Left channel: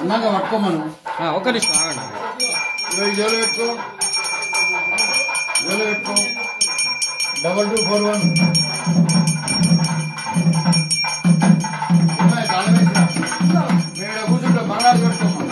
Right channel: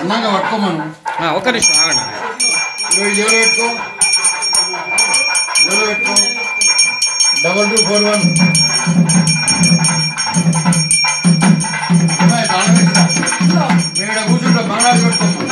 అందంగా పట్టుకోమను. ఒక్క నిమిషం ఆగండి. జోలు పెట్టుకో, జోలు పెట్టుకో. 2241 మీరు కూర్చుంటాం. మంగళారు పెట్టుకోమను.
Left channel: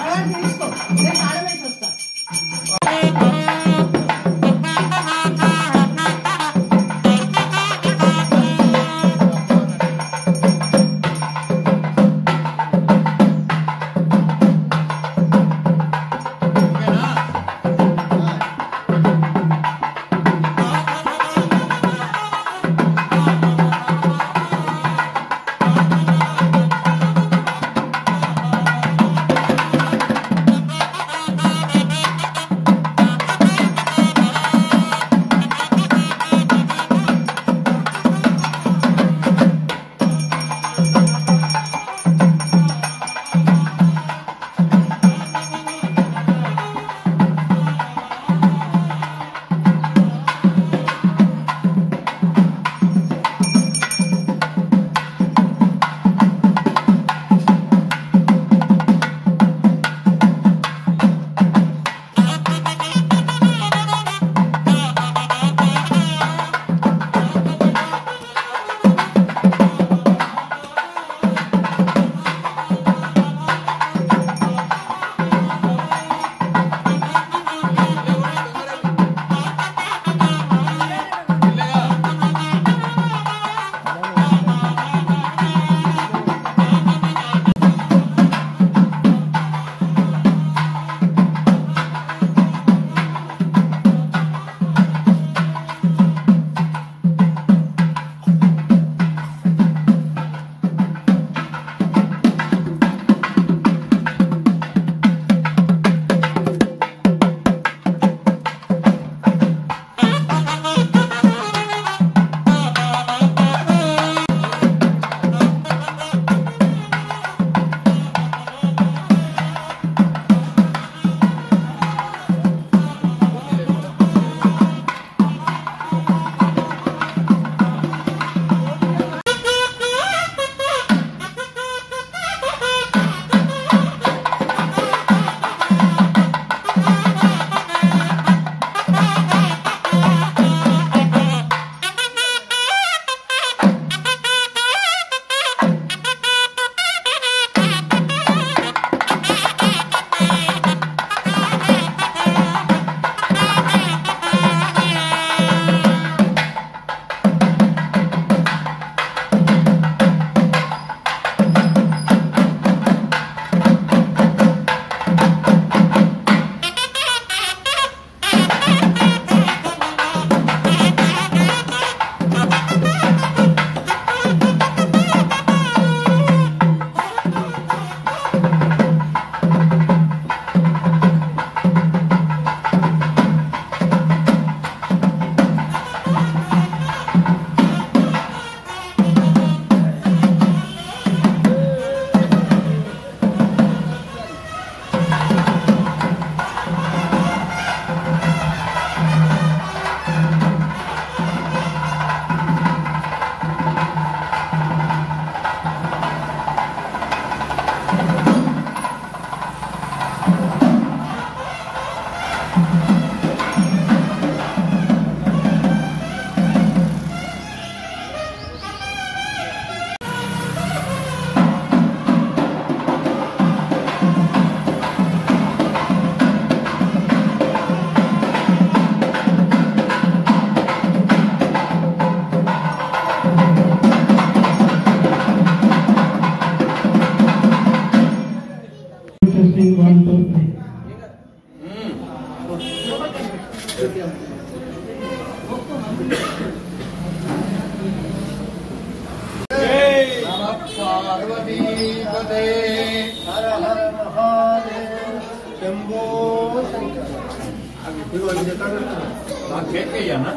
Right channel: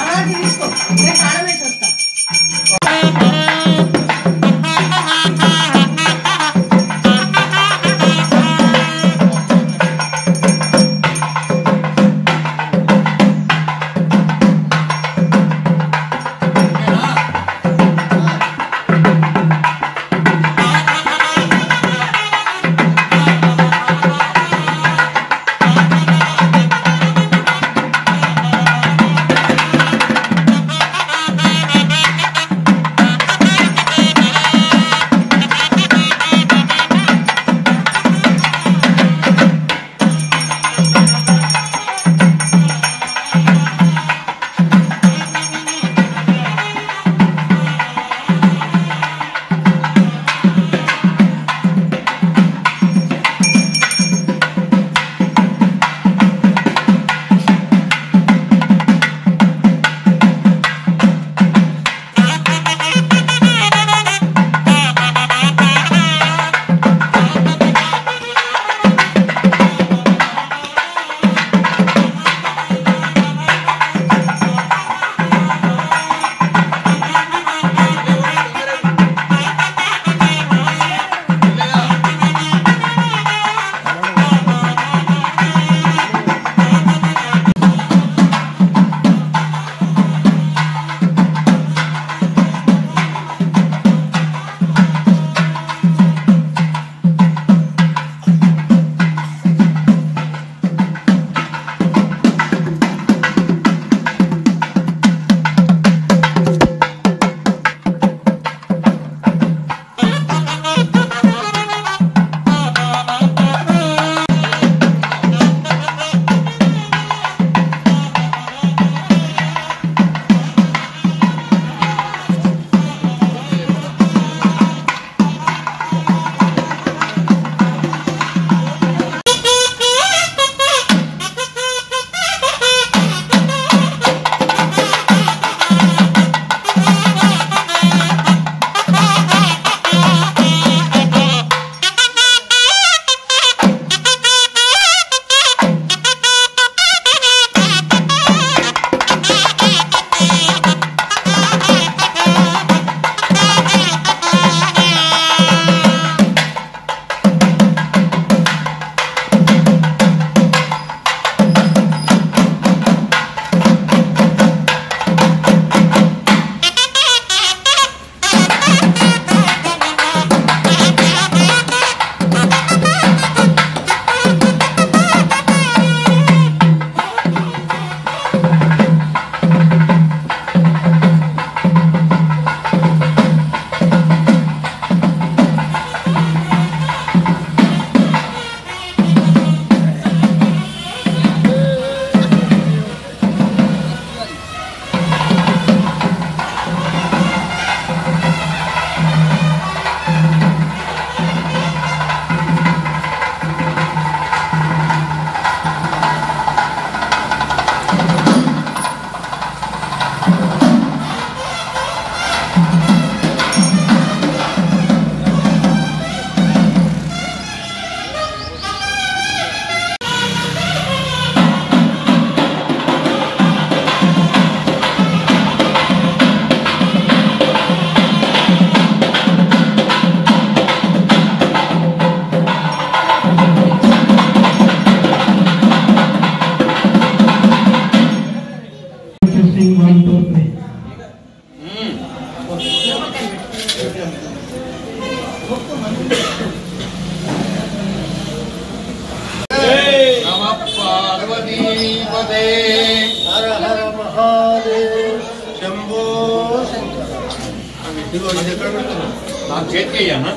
నాకు చేతికి అయ్యానా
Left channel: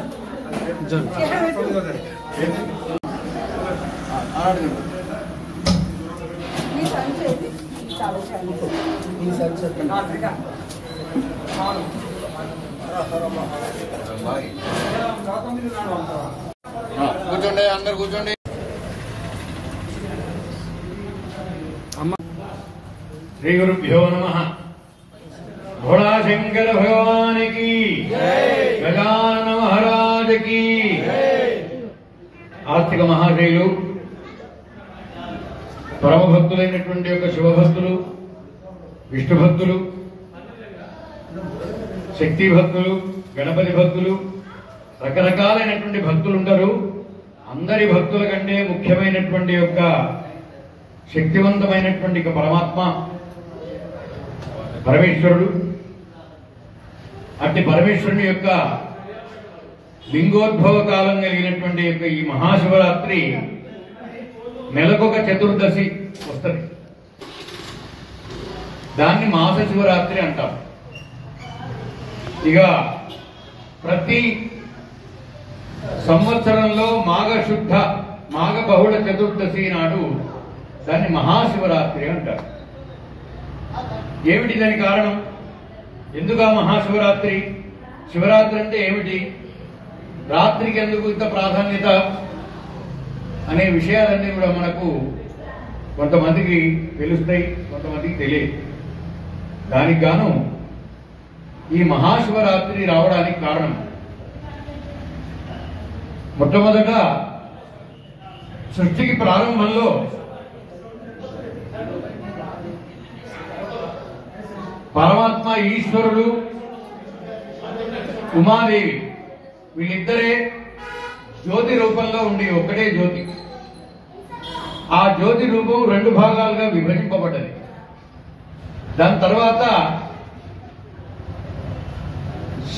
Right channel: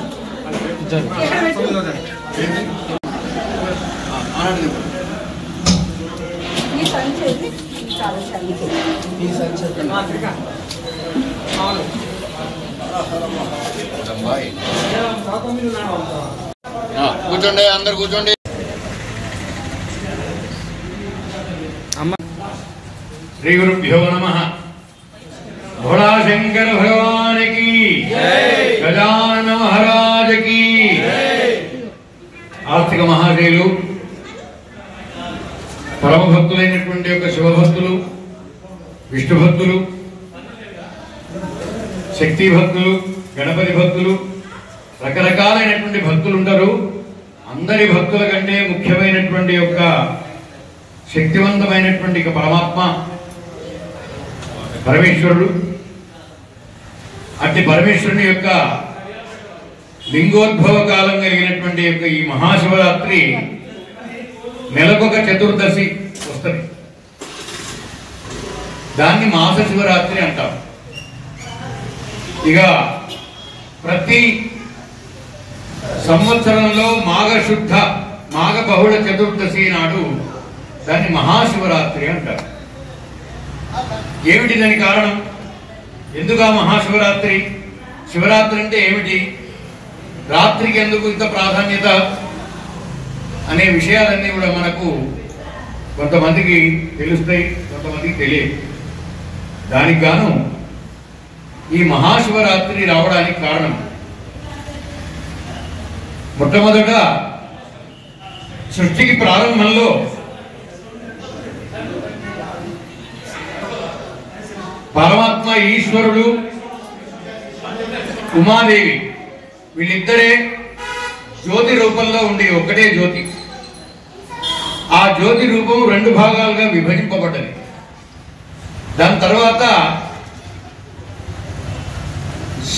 కూర్చోండి, అందరు కూర్చోండి. శ్రీ గురుభ్యో నమః. భోళా శంకర భగవాన్ కి గజానన మహారాజ్ కి. ఆస్తిక మహాశైలు, పరమభక్తులైనటువంటి యొక్క శివభక్తులు, విష్ణు భక్తులు, శక్తి భక్తులు, గణపతి భక్తులు, రకరకాలైనటువంటి భక్తులు ఉంటారు. అందరి భక్తుల కంటే ముఖ్యమైనటువంటి యొక్క శక్తివంతమైనటువంటి పరమాత్మ పరమేశ్వరుడు. అట్టి పరమేశ్వరుని యొక్క లింగోద్భవ కాలం కలిగినటువంటి యొక్క ఈ మహాశివరాత్రి నెలకొక చతుర్దశి వస్తుంది. దాన్ని మాస శివరాత్రి అంటారు. ఇక ప్రతి సంవత్సరంలో మాఘ బహుళ చతుర్దశి నాడు దాన్ని మహాశివరాత్రి అంటారు. ఏమిటి దాని కారణం? ఎందుకు ఆ మహాశివరాత్రి? శివరాత్రి అంటే ఏమిటి? రాత్రికి ఎందుకు ఇంత ప్రాధాన్యత అనే విషయాలన్నీ కూడా మనకు కొంతమందికి తెలుస్తాయి, కొంతమందికి తెలియదు. దానికి గాను ఈ మహాశివరాత్రి రావడానికి కారణం, మొట్టమొదట సృష్టికి ప్రారంభంలో పరమాత్మ ఈశ్వరుడు, ఉమాదేవి వీళ్ళిద్దరే జ్యోతి రూపంలో ఉండి ఒకటే జ్యోతి. ఆ జ్యోతి రూపం రెండు భాగాలుగా విభజింపబడ్డది. దాని తర్వాత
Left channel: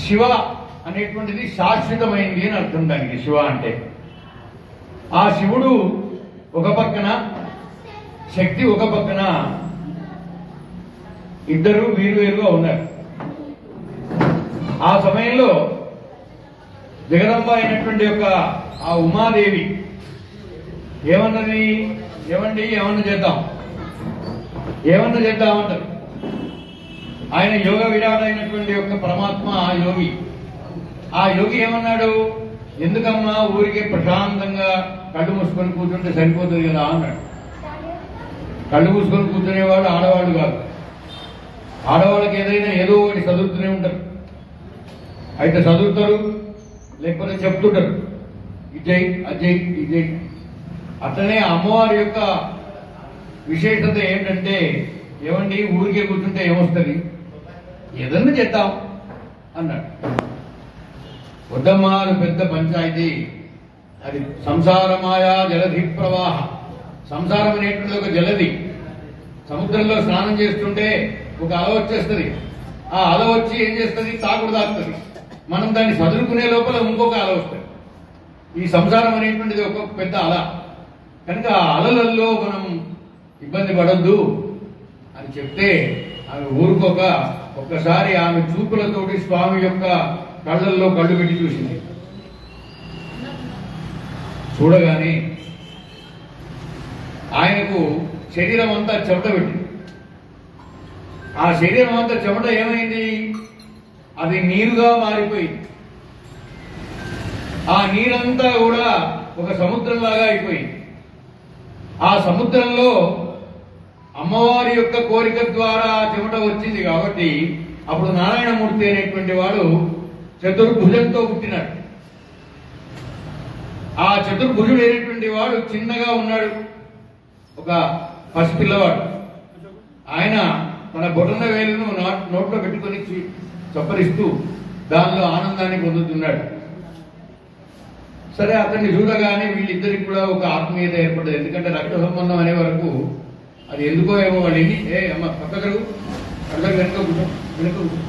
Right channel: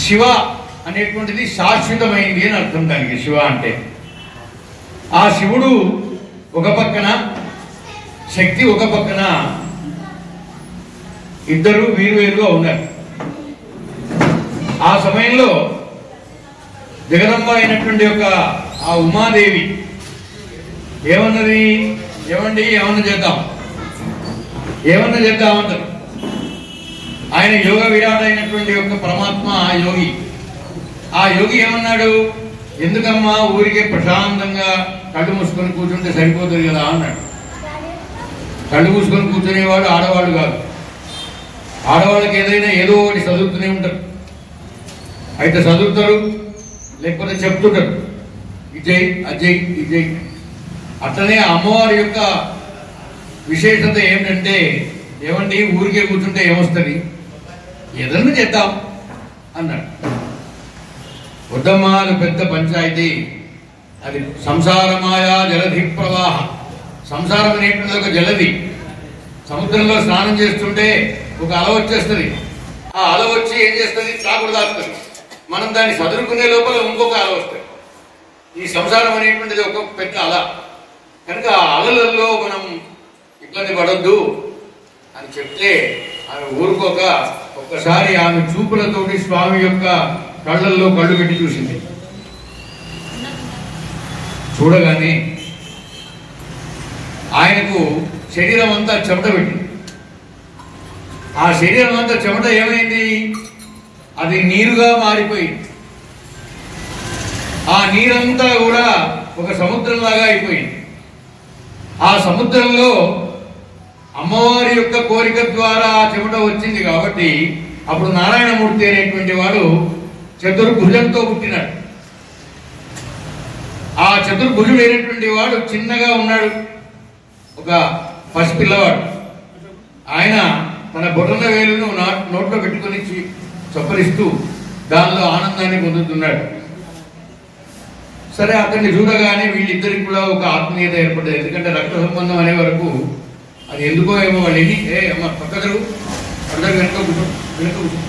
శివ అనేటువంటిది శాశ్వతమైంది అని అర్థం. దానికి శివ అంటే ఆ శివుడు ఒక పక్కన, శక్తి ఒక పక్కన, ఇద్దరు వేరువేరుగా ఉన్నారు. ఆ సమయంలో జగదంబ అయినటువంటి యొక్క ఆ ఉమాదేవి ఏమన్నది? ఏమండి ఏమన్నా చేద్దాం అంటారు. ఆయన యోగ విరాట్ అయినటువంటి యొక్క పరమాత్మ యోగి. ఆ యోగి ఏమన్నాడు? ఎందుకమ్మా ఊరికే ప్రశాంతంగా కళ్ళు మూసుకొని కూర్చుంటే సరిపోతుంది కదా అన్నాడు. కళ్ళు మూసుకొని కూర్చునేవాడు ఆడవాళ్ళు కాదు. ఆడవాళ్ళకి ఏదైనా ఏదో ఒకటి చదువుతూనే ఉంటారు. అయితే చదువుతారు, లేకపోతే చెప్తుంటారు, ఇజయ్ అజయ్ ఇజయ్. అట్లనే అమ్మవారి యొక్క విశేషత ఏమిటంటే, ఏమండి ఊరికే కూర్చుంటే ఏమొస్తుంది, ఏదన్నా చేద్దాం అన్నాడు. వద్దమ్మా, అది పెద్ద పంచాయతీ. అది సంసారమాయా జలధి ప్రవాహ. సంసారం అనేటువంటి ఒక జలధి. సముద్రంలో స్నానం చేస్తుంటే ఒక అల వచ్చేస్తుంది. ఆ అల వచ్చి ఏం చేస్తుంది? తాగుడు దాస్తుంది. మనం దాన్ని చదువుకునే లోపల ఇంకొక అల వస్తుంది. ఈ సంసారం అనేటువంటిది ఒక పెద్ద అల. కనుక ఆ అలలలో మనం ఇబ్బంది పడొద్దు అని చెప్తే ఆమె ఊరుకోక ఒక్కసారి ఆమె చూపులతోటి స్వామి యొక్క కళ్ళల్లో కళ్ళు పెట్టి చూసింది. చూడగానే ఆయనకు శరీరం అంతా చెమట పెట్టింది. ఆ శరీరం అంతా చెమట ఏమైంది? అది నీరుగా మారిపోయింది. ఆ నీరంతా కూడా ఒక సముద్రంలాగా అయిపోయింది. ఆ సముద్రంలో అమ్మవారి యొక్క కోరిక ద్వారా ఆ చెమట వచ్చింది కాబట్టి అప్పుడు నారాయణమూర్తి అనేటువంటి వాడు చతుర్భుజంతో పుట్టినాడు. ఆ చతుర్భుజుడు అయినటువంటి వాడు చిన్నగా ఉన్నాడు, ఒక పసిపిల్లవాడు. ఆయన తన బొటన వేలును నోట్లో పెట్టుకుని చప్పరిస్తూ దానిలో ఆనందాన్ని పొందుతున్నాడు. సరే, అతన్ని చూడగానే వీళ్ళిద్దరికి కూడా ఒక ఆత్మీయత ఏర్పడ్డది. ఎందుకంటే రక్త సంబంధం అనే వరకు అది ఎందుకో ఏమో వాళ్ళు ఎన్ని అమ్మ పక్కదరు అందరూ వెనుక కూర్చో.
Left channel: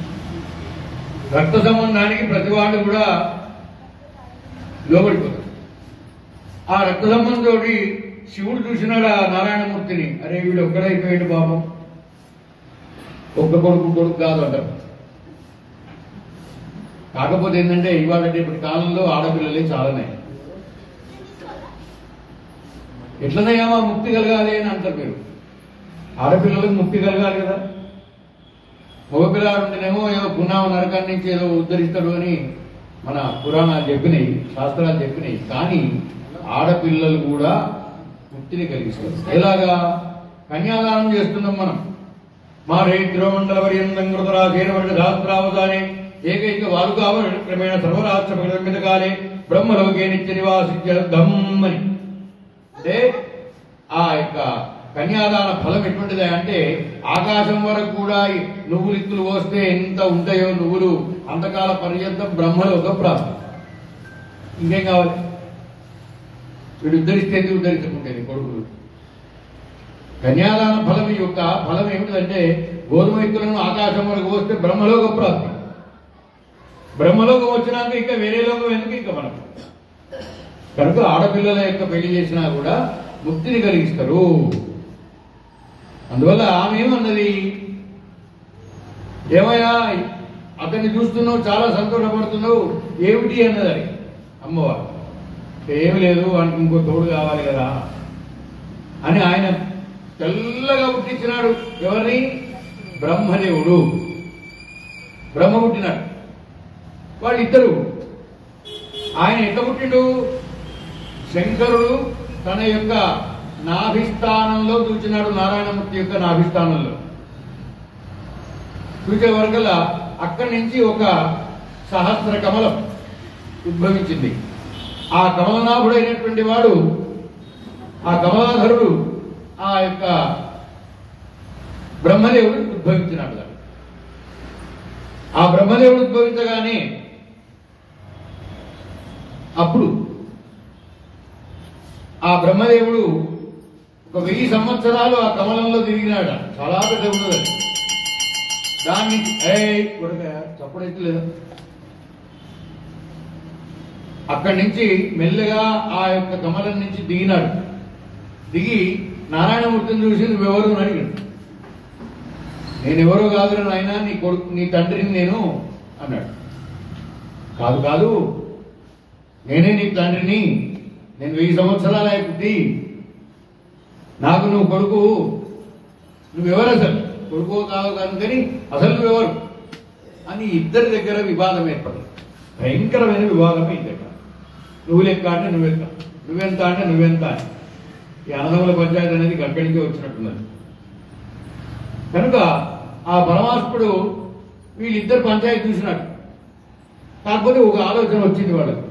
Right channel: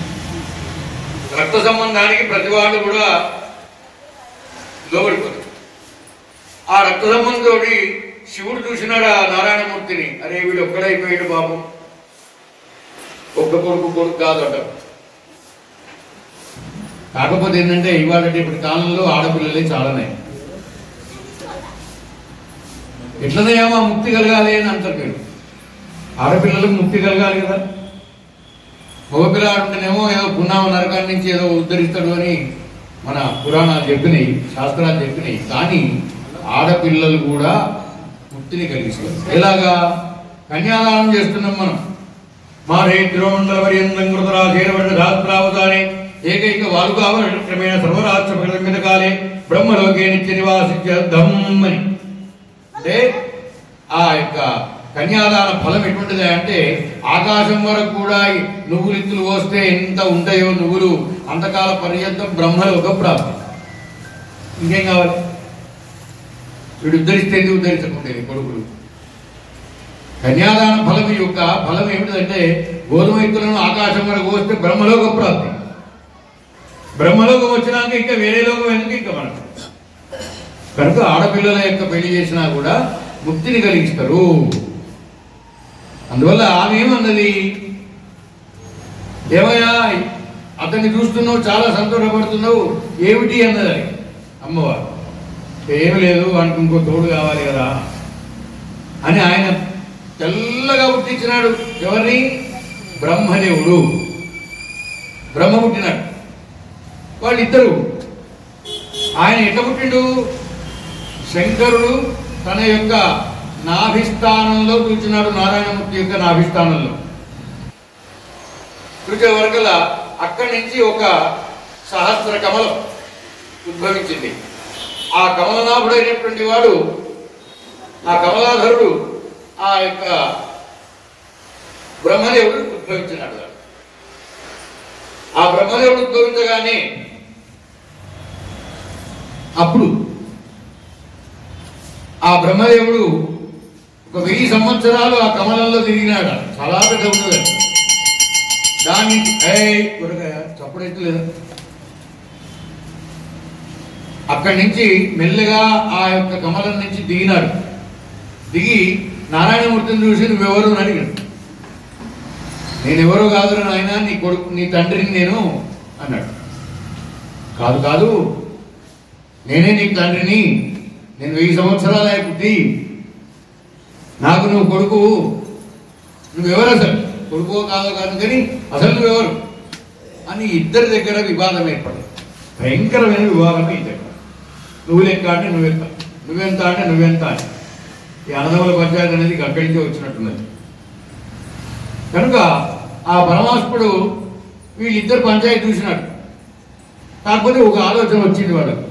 రక్త సంబంధానికి ప్రతి వాళ్ళు కూడా లోబడిపోతారు. ఆ రక్త సంబంధంతో శివుడు చూసినాడు ఆ నారాయణమూర్తిని. అరే వీడు ఒక్కడైపోయాడు పాపం, ఒక్క కొడుకు కాదు అంటారు. కాకపోతే ఏంటంటే ఇవాళ ఇప్పటి కాలంలో ఆడపిల్లలే చాలానే ఎట్లనేమో ముక్తి కలగాలి అని అంటారు మీరు. ఆడపిల్లలకు ముక్తి కలగాలి కదా. మగపిల్లాడు ఉంటేనేమో ఏదో పున్నామ నరకాన్ని నుంచి ఏదో ఉద్ధరిస్తాడు అని మన పురాణాలు చెప్పినాయి, శాస్త్రాలు చెప్పినాయి. కానీ ఆడపిల్లలు కూడా ముక్తిని కలిగిస్తారు. ఎలాగా? కన్యాదానం చేస్తున్నాం మనం. మా రేద్రోమండల పర్యంతం కృతరా చేరబడిన శాస్త్రావధానే ఏకైక వాలుగా క్రమేణ సర్వరాష్ట్ర ప్రగతి కాలే బ్రహ్మలోకే నిత్య నివాసిత్యర్థం అని. అంటే ఆ యొక్క కన్యాదాన ఫలం ఎటువంటిది అంటే ఆకాశం వరకు కూడా నువ్వులు ఇత్తులు పోస్తే ఎంత ఉంటాయో నువ్వులు అంతకాల పర్యంతం బ్రహ్మలోక ప్రాప్తి. ఇంకేం కావాలి? వీడు ఉద్ధరిస్తే ఉద్ధరించకుండేది కొడుకులు. కన్యాదాన ఫలం యొక్క ఫలం ఏమిటంటే గోధుమ ఇత్తులను ఆకాశం వరకు పోస్తే బ్రహ్మలోక ప్రాప్తి. బ్రహ్మలోకం వచ్చినాక ఇంకా వేరే లోకం ఎందుకు ఇంకా మనకు? కనుక ఆడపిల్లల యొక్క పెళ్లి చేసినా కూడా ముక్తిని కలిగిస్తారు. అందువల్ల ఆమె ఏమన్నది, ఏమయ్యా అతన్ని చూస్తున్నావు, చాలా సంతోషపడుతున్నావు, ఏమిటి అన్నది అమ్మవారు. ఏమి లేదు, వానికి ఇంకో తోడు కావాలి కదా అని ఆయన తెల్లగా పుట్టించినాడు. ఎవరిని? బ్రహ్మదేవుడు. బ్రహ్మ పుట్టినాడు. వాళ్ళిద్దరు. ఆయన ఎట్లా పుట్టిండు? శంకరుడు తన యొక్క నాభిస్థానంలో కూర్చున్నాడు. నారాయణమూర్తి యొక్క నాభిస్థానంలో కూర్చే వరకల అక్కడి నుంచి ఒక సహస్ర కమలం ఉద్భవించింది. ఆ కమలనాభుడైనటువంటి వాడు, ఆ కమలాధరుడు, ఆ యొక్క బ్రహ్మదేవుడు ఉద్భవించినాడు. ఆ బ్రహ్మదేవుడు ఉద్భవించగానే అప్పుడు ఆ బ్రహ్మదేవుడు ఒక 1000 సంవత్సరాలు ఆ కమలంలో తిరిగినాడు. చాలా పెద్ద ఉంటుంది దాన్ని. చప్పుడైతే లేదా? అక్కడి నుంచి మెల్లగా ఆ యొక్క కమలం నుంచి దిగినాడు. దిగి నారాయణమూర్తిని చూసి నువ్వెవరు అని అడిగాడు. నేనెవరో కాదు నాయన, నీ కొడుకు, నీ తండ్రిని నేను అన్నాడు. కాదు కాదు, నేనే నీకు తండ్రిని, నేను 1000 సంవత్సరాల పుట్టి, నాకు నువ్వు కొడుకు, నువ్వెవరు అసలు? కొడుకో కాదు కాదు కానీ అసలు నువ్వెవరు అని ఇద్దరి దగ్గర వివాదం ఏర్పడింది. భయంకరమైన వివాదం ఈ దగ్గర. నువ్వు లెక్క అంటే నువ్వెక్క, నువ్వెంత అంటే నువ్వెంత అని. ఈ అన్నదమ్ముల పంచాయతీ అనేది అక్కడి నుంచే వచ్చినట్టున్నది. కనుక ఆ పరమాత్ముడు వీళ్ళిద్దరు పంచాయతీ చూసినాడు. కాకపోతే ఒక ఆలోచన వచ్చింది వాళ్ళకు.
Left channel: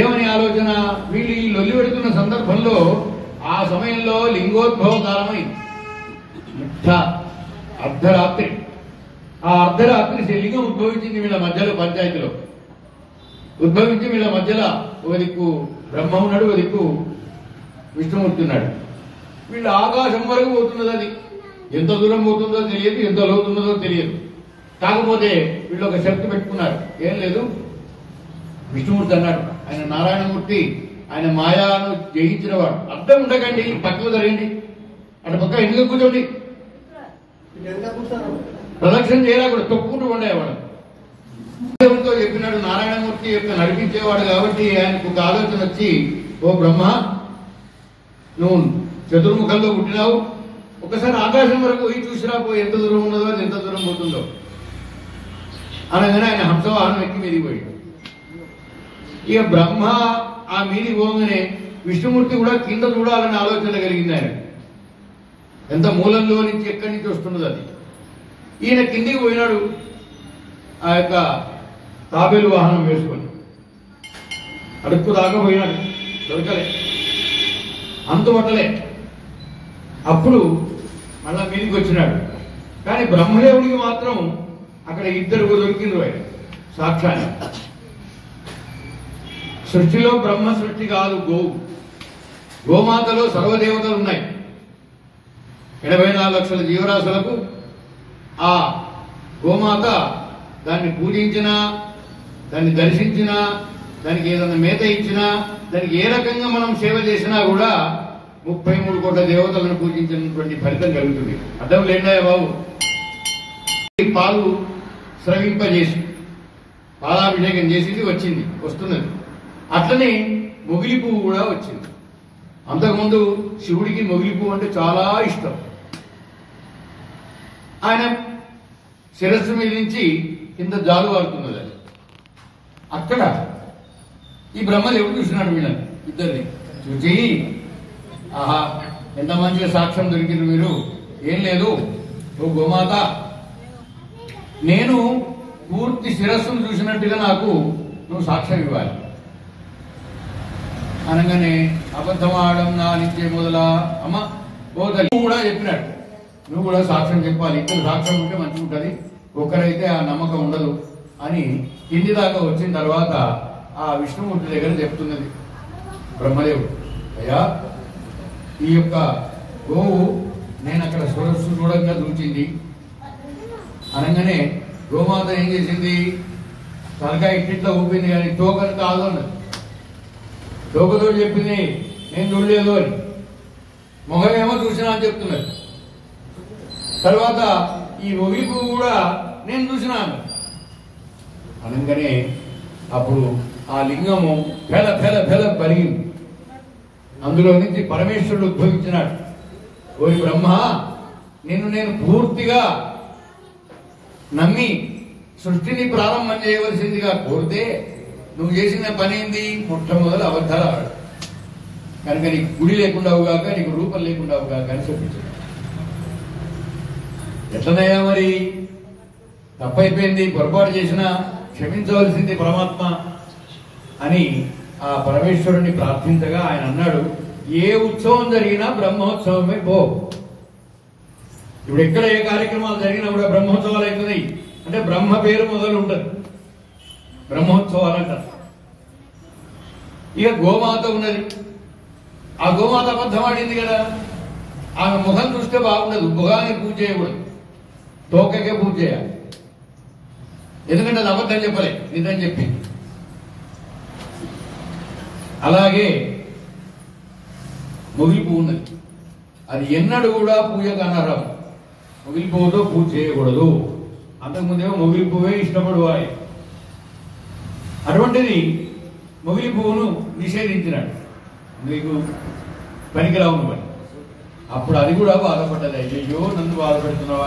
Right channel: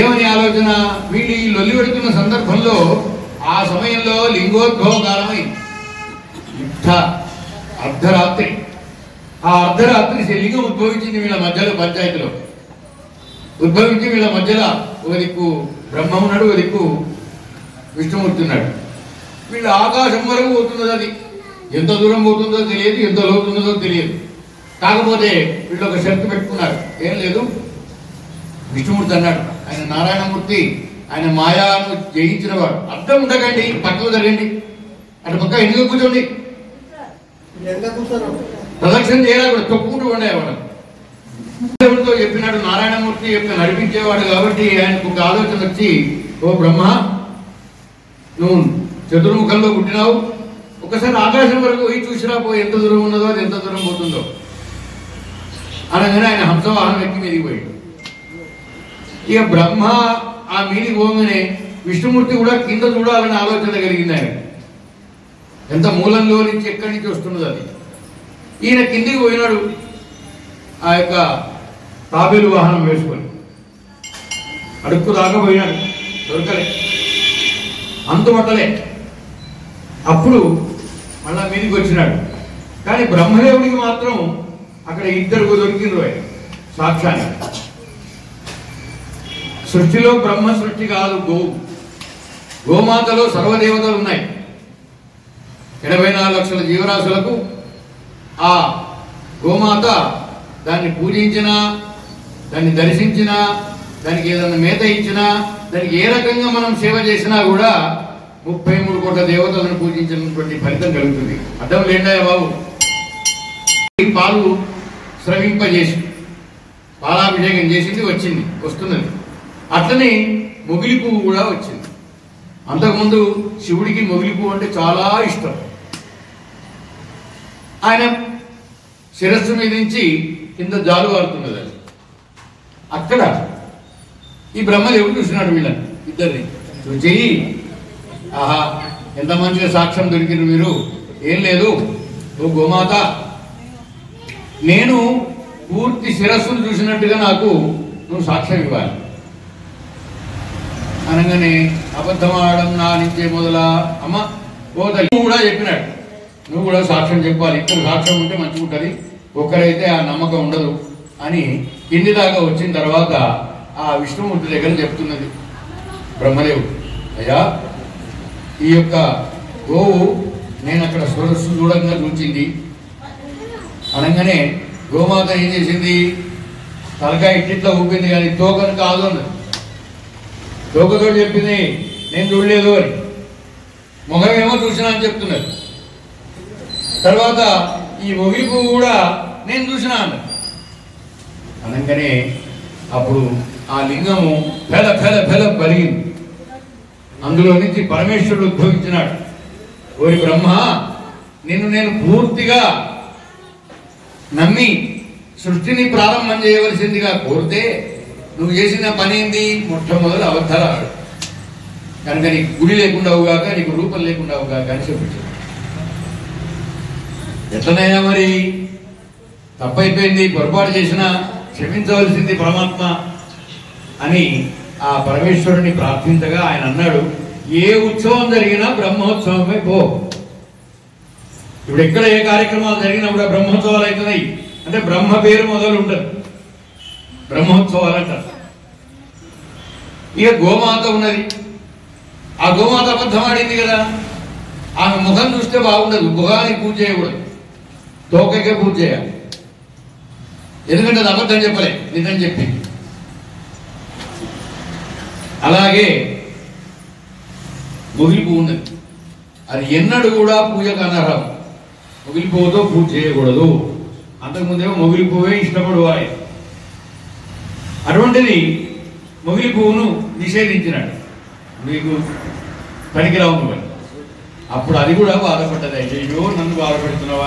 ఏమని ఆలోచన? వీళ్ళు ఈ లొల్లి పెడుతున్న సందర్భంలో ఆ సమయంలో లింగోద్భవ కాలమై అర్ధరాత్రి. ఆ అర్ధరాత్రి లింగం ఉద్భవించింది వీళ్ళ మధ్యలో, పంచాయతీలో ఉద్భవించి వీళ్ళ మధ్యలో ఒక దిక్కు బ్రహ్మ ఉన్నాడు, ఒక దిక్కు విష్ణుమూర్తి ఉన్నాడు. వీళ్ళ ఆకాశం వరకు పోతున్నది. అది ఎంత దూరం పోతుందో తెలియదు, ఎంత లోతున్నదో తెలియదు. కాకపోతే వీళ్ళు ఒక షరతు పెట్టుకున్నారు. ఏం లేదు, విష్ణుమూర్తి అన్నాడు, ఆయన నారాయణమూర్తి, ఆయన మాయాను జయించిన వాడు. అర్థం ఉండకండి, పక్కకు జరగండి, అటు పక్క ఎందుకు కూర్చోండి, ప్రదక్షిణ చేయాలి కూడా, తొక్కుకుంటూ ఉండేవాడు. దేవుడితో చెప్పినాడు. నారాయణమూర్తి యొక్క నడిపించేవాడు కాబట్టి ఆయనకు ఒక ఆలోచన వచ్చి, ఓ బ్రహ్మ, నువ్వు చతుర్ముఖంలో పుట్టినావు, ఒకసారి ఆకాశం వరకు పోయి చూసినా పో, ఎంత దూరం ఉన్నదో అది ఎంత దూరం పోతుందో అనగానే ఆయన హంసవాహనం ఎక్కి మీదికి పోయాడు. ఇక బ్రహ్మ ఆ మీదికి పోగానే విష్ణుమూర్తి కూడా కింద చూడాలని ఆలోచన కలిగింది. ఆయన ఎంత మూలంలో నుంచి ఎక్కడి నుంచి వస్తున్నది అది. ఈయన కిందికి పోయినాడు ఆ యొక్క తాబేలు వాహనం వేసుకొని. అడుక్కు దాకపోయినాడు, దొరకలే, అంతుమట్టలే. అప్పుడు మళ్ళా మీదికి వచ్చినాడు. కానీ బ్రహ్మదేవుడికి మాత్రం అక్కడ ఇద్దరు దొరికిండ్రు. ఆయన సాక్షాన్ని సృష్టిలో బ్రహ్మ సృష్టి కాదు, గోమాతలో సర్వదేవతలు ఉన్నాయి. 84 లక్షల జీవరాశులకు ఆ గోమాత దాన్ని పూజించినా, దాన్ని దర్శించినా, దానికి ఏదైనా మేత ఇచ్చినా, దానికి ఏ రకంగా మనం సేవ చేసినా కూడా 33 కోట్ల దేవతలను పూజించినటువంటి ఫలితం కలుగుతుంది. అర్థం లేండా బాబు? పాలు స్రవింపజేసి పాలాభిషేకం చేసింది, వస్తున్నది. అట్లనే మొగిలి పువ్వు కూడా వచ్చింది. అంతకుముందు శివుడికి మొగిలి పువ్వు అంటే చాలా ఇష్టం. ఆయన శిరస్సు మీద నుంచి కింద జాలువారుతున్నది. అది అక్కడ ఈ బ్రహ్మదేవుడు చూసినాడు వీళ్ళని ఇద్దరిని. చూచి, ఆహా ఎంత మంచిగా సాక్ష్యం దొరికింది మీరు. ఏం లేదు, ఓ గోమాత, నేను పూర్తి శిరస్సును చూసినట్టుగా నాకు నువ్వు సాక్ష్యం ఇవ్వాలి అనగానే, అబద్ధం ఆడడం నా నుంచే మొదలా అమ్మ పోతలి కూడా చెప్పినాడు, నువ్వు కూడా సాక్ష్యం చెప్పాలి. ఇద్దరు సాక్ష్యం ఉంటే మంచిగా ఉంటుంది, ఒక్కరైతే ఆ నమ్మకం ఉండదు అని కింది దాకా వచ్చిన తర్వాత ఆ విష్ణుమూర్తి దగ్గర చెప్తున్నది బ్రహ్మదేవుడు. అయ్యా, ఈ యొక్క గోవు నేను అక్కడ సరస్సు చూడంగా చూచింది అనగానే గోమాత ఏం చేసింది, తలకాయ ఇట్లా ఊపింది, కానీ తోకను కాదు అన్నది. తోకతో చెప్పింది నేను చూడలేదు అని, మొగమేమో చూసినా అని చెప్తున్నది. తర్వాత ఈ మొగిలి పువ్వు కూడా నేను చూసినా అన్నది. అనగానే అప్పుడు ఆ లింగము ఫెల ఫెల ఫెల పలిగింది. అందులో నుంచి పరమేశ్వరుడు ఉద్భవించినాడు. ఓరి బ్రహ్మ, నిన్ను నేను పూర్తిగా నమ్మి సృష్టిని ప్రారంభం చేయవలసిందిగా కోరితే నువ్వు చేసిన పని ఏంది? మొట్టమొదటి అబద్ధాలు ఆడు, కనుక నీకు గుడి లేకుండా అవుగాక, నీకు రూపం లేకుండా అవుగాక అని చెప్పించాడు. ఎట్లనైనా మరి తప్పైపోయింది, పొరపాటు చేసినా క్షమించవలసింది పరమాత్మ అని ఆ పరమేశ్వరుని ప్రార్థించగా ఆయన అన్నాడు, ఏ ఉత్సవం జరిగినా బ్రహ్మోత్సవమే పో. ఇప్పుడు ఎక్కడ ఏ కార్యక్రమాలు జరిగినప్పుడు బ్రహ్మోత్సవాలు అవుతున్నాయి అంటే బ్రహ్మ పేరు మొదలు ఉండదు, బ్రహ్మోత్సవాలు అంటారు. ఇక గోమాత ఉన్నది, ఆ గోమాత అబద్ధం ఆడింది కదా, ఆమె ముఖం చూస్తే బాగుండదు, ముఖానికి పూజ చేయకూడదు, తోకకే పూజ చేయాలి. ఎందుకంటే అది అబద్ధం చెప్పలే, నిజం చెప్పింది. అలాగే మొగిలి పువ్వు ఉన్నది, అది ఎన్నడూ కూడా పూజకు అనర్హం. మొగిలి పువ్వుతో పూజ చేయకూడదు. అంతకుముందేమో మొగిలి పువ్వే ఇష్టపడువాలి. అటువంటిది మొగిలి పువ్వును నిషేధించినాడు, మీకు పనికిరావు నువ్వు. అప్పుడు అది కూడా బాధపడ్డది. అయ్యో నన్ను బాధపడుతున్నావా,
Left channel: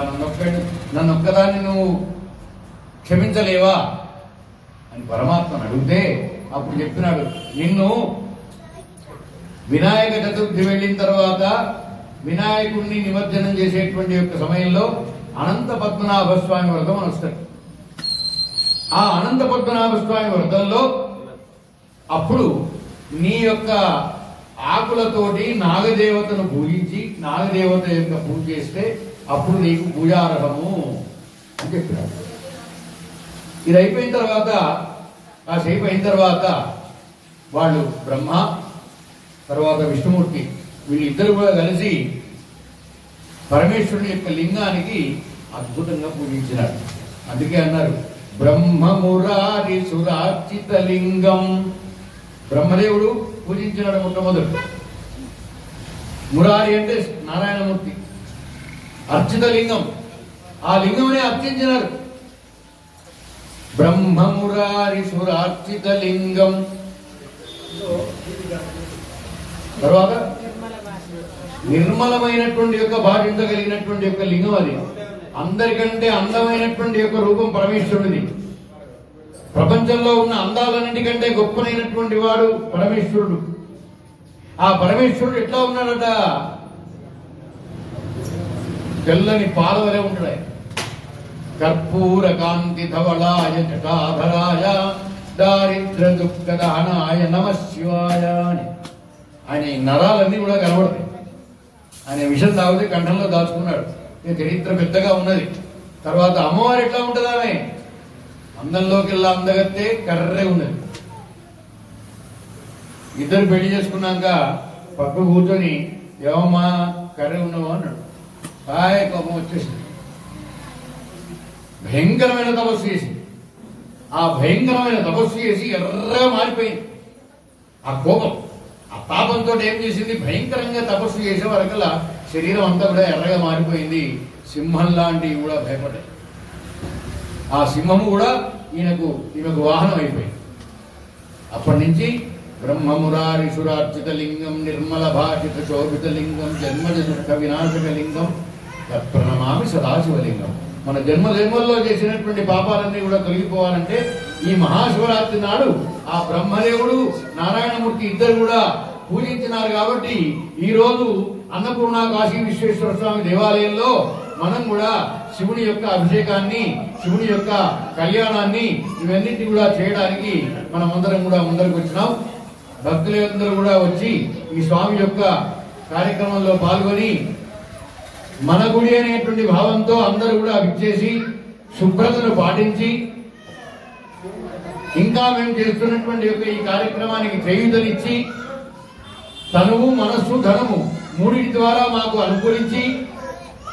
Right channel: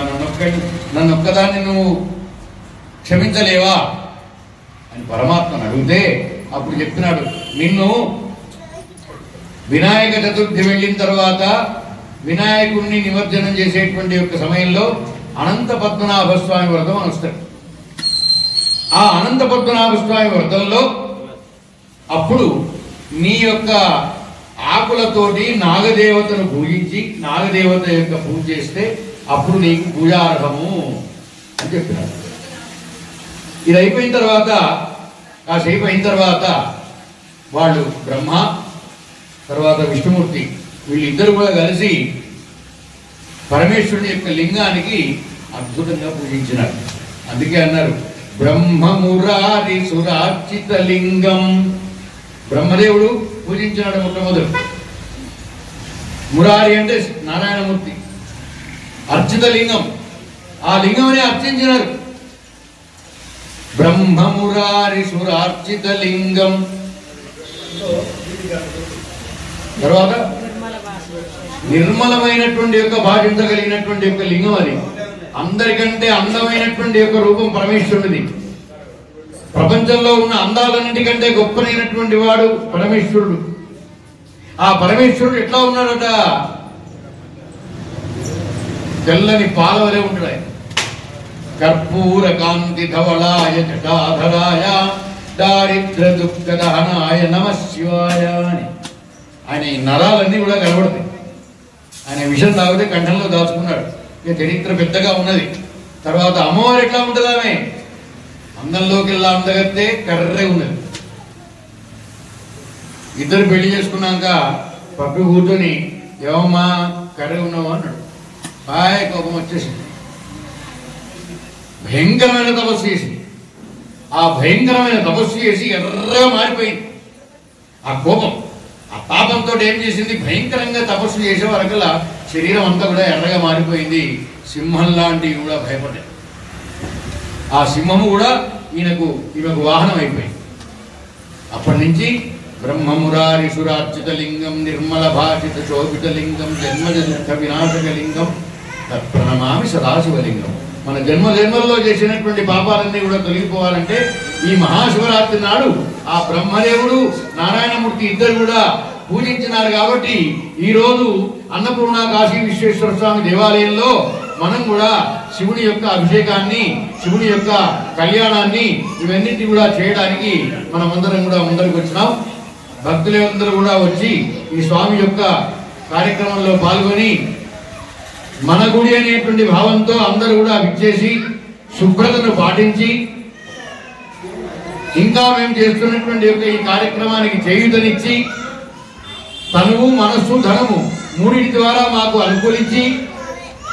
నన్ను ఒక్కదాన్ని నువ్వు క్షమించలేవా అని పరమాత్మను అడిగితే అప్పుడు చెప్తున్నాడు, నిన్ను వినాయక చతుర్థి వెళ్ళిన తర్వాత వినాయకుడిని నిమజ్జనం చేసేటువంటి యొక్క సమయంలో అనంత పద్మనాభ స్వామి వ్రతం అని వస్తాడు. ఆ అనంత పద్మనాభ స్వామి వ్రతంలో అప్పుడు నీ యొక్క ఆకులతోటి నాగదేవతను పూజించి నాగదేవత యొక్క పూజ చేస్తే అప్పుడు నీకు పూజార్హము అని చెప్పినారు. ఇది అయిపోయిన తర్వాత, కాసేపు అయిన తర్వాత వాళ్ళు బ్రహ్మ తర్వాత విష్ణుమూర్తి వీళ్ళిద్దరు కూడా కలిసి పరమేశ్వరుని యొక్క లింగానికి అద్భుతంగా పూజించినారు. అందుకే అన్నారు బ్రహ్మమురారి సురార్చిత లింగం. బ్రహ్మదేవుడు పూజించినాడు మొట్టమొదటి. మురారి అంటే నారాయణమూర్తి, అర్చిత లింగం, ఆ లింగంని అర్చించినారు. బ్రహ్మమురారి సురార్చిత లింగం. తర్వాత నిర్మలమైనటువంటి యొక్క భాషించగలిగినటువంటి యొక్క లింగం అది. అందరికంటే అందమైనటువంటి యొక్క రూపం పరమేశ్వరుడిది. ప్రపంచంలో ఉన్న అందాలన్నిటికంటే గొప్పనైనటువంటి వాడు పరమేశ్వరుడు. ఆ పరమేశ్వరుడు ఎట్లా ఉన్నాడట, తెల్లని పాలవలే ఉంటాడు ఆయన. కర్పూర కాంతి ధవళాయ జటాధరాయ దారిద్ర దుఃఖ దహనాయ నమః శివాయ అని ఆయన ఈ నరాలన్నీ కూడా కనబడతాయి. ఆయన విషయం తాగితే కంఠంలో దాచుకున్నాడు. ఇక చరిత్ర పెద్దగా ఉన్నది. తర్వాత అమ్మవారు ఎట్లా ఉంటుంది, ఆమె అందంలోకి వెళ్ళా అందగత్తే కర్రే ఉన్నది. ఇద్దరు పెళ్లి చేసుకున్నాక పక్కకు కూర్చొని ఏమమ్మా కర్రే ఉన్నావు అన్నాడు. హాయ్ కోపం వచ్చేసింది. భయంకరమైన తపస్సు చేసింది. ఆ భయంకరమైన తపస్సు చేసి ఎర్రగా మారిపోయింది. ఆ కోపం ఆ పాపంతో ఏం చేసింది, భయంకరంగా తపస్సు చేసే వరకల్లా శరీరం అంతా కూడా ఎర్రగా మారిపోయింది. సింహం లాంటివి కూడా భయపడ్డాయి. ఆ సింహము కూడా ఈమెకు వాహనం అయిపోయింది. అప్పటి నుంచి బ్రహ్మమురారిషురార్చిత లింగం నిర్మల భాషిత శోభిత లింగం జన్మజ దుఃఖ వినాశక లింగం తత్ప్రణమామి సదాశివలింగం. మన జన్మల్లో చేసినటువంటి పాపాలన్నీ కూడా తొలగిపోవాలంటే ఈ మహాశివరాత్రి నాడు ఆ బ్రహ్మదేవుడు నారాయణమూర్తి ఇద్దరు కూడా పూజించినారు. కాబట్టి ఈరోజు అన్నపూర్ణ కాశీ విశ్వేశ్వర స్వామి దేవాలయంలో మనం కూడా శివుని యొక్క అభిషేకాన్ని, శివుని యొక్క కళ్యాణాన్ని ఇవన్నిటి కూడా చేయడానికి మనమందరం కూడా ముందరకు వచ్చినాం. భక్తులందరూ కూడా వచ్చి ఈ స్వామి యొక్క కార్యక్రమంలో పాల్గొని మన గుడి అనేటువంటి భావంతో అందరూ కూడా విచ్చేసి శుభ్రతను పాటించి ఇంకా మేము చేస్తున్నటువంటి యొక్క ఈ కార్యక్రమానికి చేయూతనిచ్చి తనువు మనస్సు ధనము మూడింటి ద్వారా మాకు అనుకూలించి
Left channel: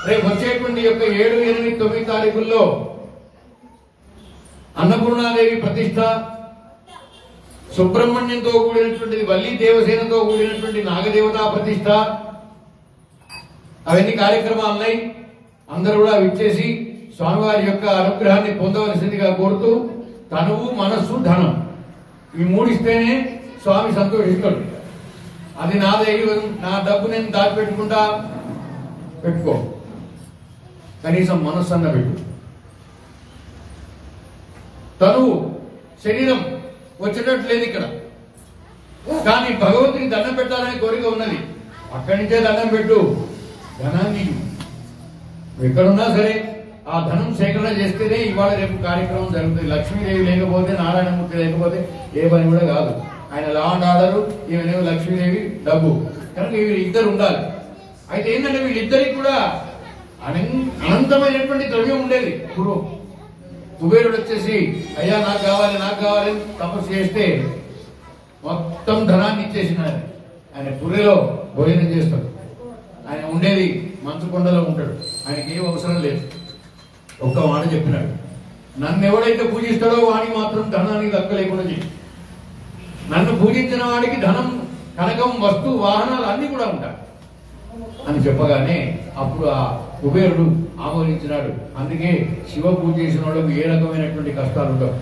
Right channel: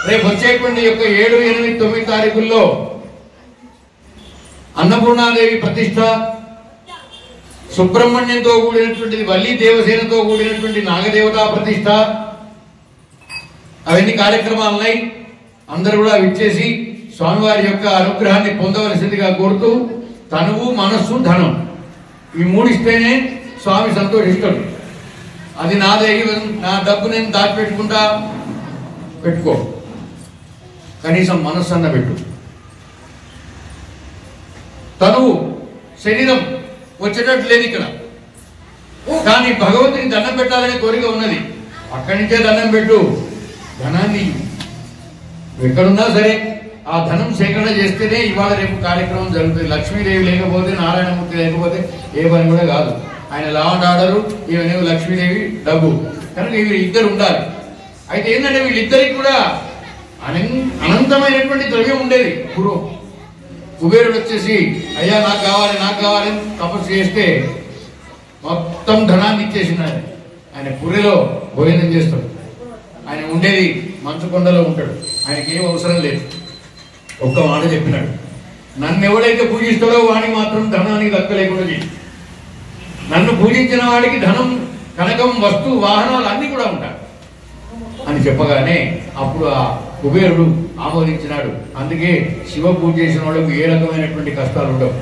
రేపు వచ్చేటువంటి యొక్క 7, 8, 9 తారీఖుల్లో అన్నపూర్ణాదేవి ప్రతిష్ట, సుబ్రహ్మణ్యంతో కూడినటువంటి వల్లి దేవసేనతో కూడినటువంటి నాగదేవతా ప్రతిష్ట, అవన్నీ కార్యక్రమాలున్నాయి. అందరూ కూడా విచ్చేసి స్వామివారి యొక్క అనుగ్రహాన్ని పొందవలసిందిగా కోరుతూ తనువు మనస్సు ధనం ఈ మూడిస్తేనే స్వామి సంతోషిస్తాడు. అది నాదే, నా డబ్బు నేను దాచిపెట్టుకుంటా పెట్టుకో, కనీసం మనస్సు అన్న పెట్టు. తనువు శరీరం వచ్చేటట్టు లేదు ఇక్కడ, కానీ భగవంతుని దండం పెట్టాలనే కోరిక ఉన్నది. అక్కడి నుంచే దండం పెట్టు. ధనాన్ని ఎక్కడున్నా సరే ఆ ధనం సేకరణ చేస్తేనే ఇవాళ రేపు కార్యక్రమం జరుగుతుంది. లక్ష్మీదేవి లేకపోతే, నారాయణమూర్తి లేకపోతే ఏ పని కూడా కాదు. ఆయన లా అండ్ ఆర్డరు, ఈమెనేమో లక్ష్మీదేవి డబ్బు, కనుక వీరు ఇద్దరు ఉండాలి. అయితే ఏంటంటే వీళ్ళిద్దరికి కూడా అనంతమైనటువంటి ద్రవ్యం ఉండేది పూర్వం. కుబేరుడు వచ్చేసి అయ్యా నాకు కావాలి తపస్సు చేస్తే మొత్తం ధనాన్ని ఇచ్చేసినాడు. ఆయన పుర్రెలో భోజనం చేస్తాడు. ఆయన ఉండేది మంచుకొండలో ఉంటాడు. ఆయనకి ఏం అవసరం లేదు. ఒక్క మాట చెప్పినాడు, నన్ను ఎవడైతే పూజిస్తాడో వాడికి మాత్రం ధనానికి దక్కలేకుండా చేయి. నన్ను పూజించిన వాడికి ధనం, కనకం, వస్తు, వాహనాలు అన్నీ కూడా ఉంటాయి అని చెప్పగానే అప్పుడు ఆ కుబేరుడు ఆమోదించినాడు. అందుకే శివ పూజ చేసిన వాళ్ళకు ఏ రకమైనటువంటి కష్టాలు ఉండవు.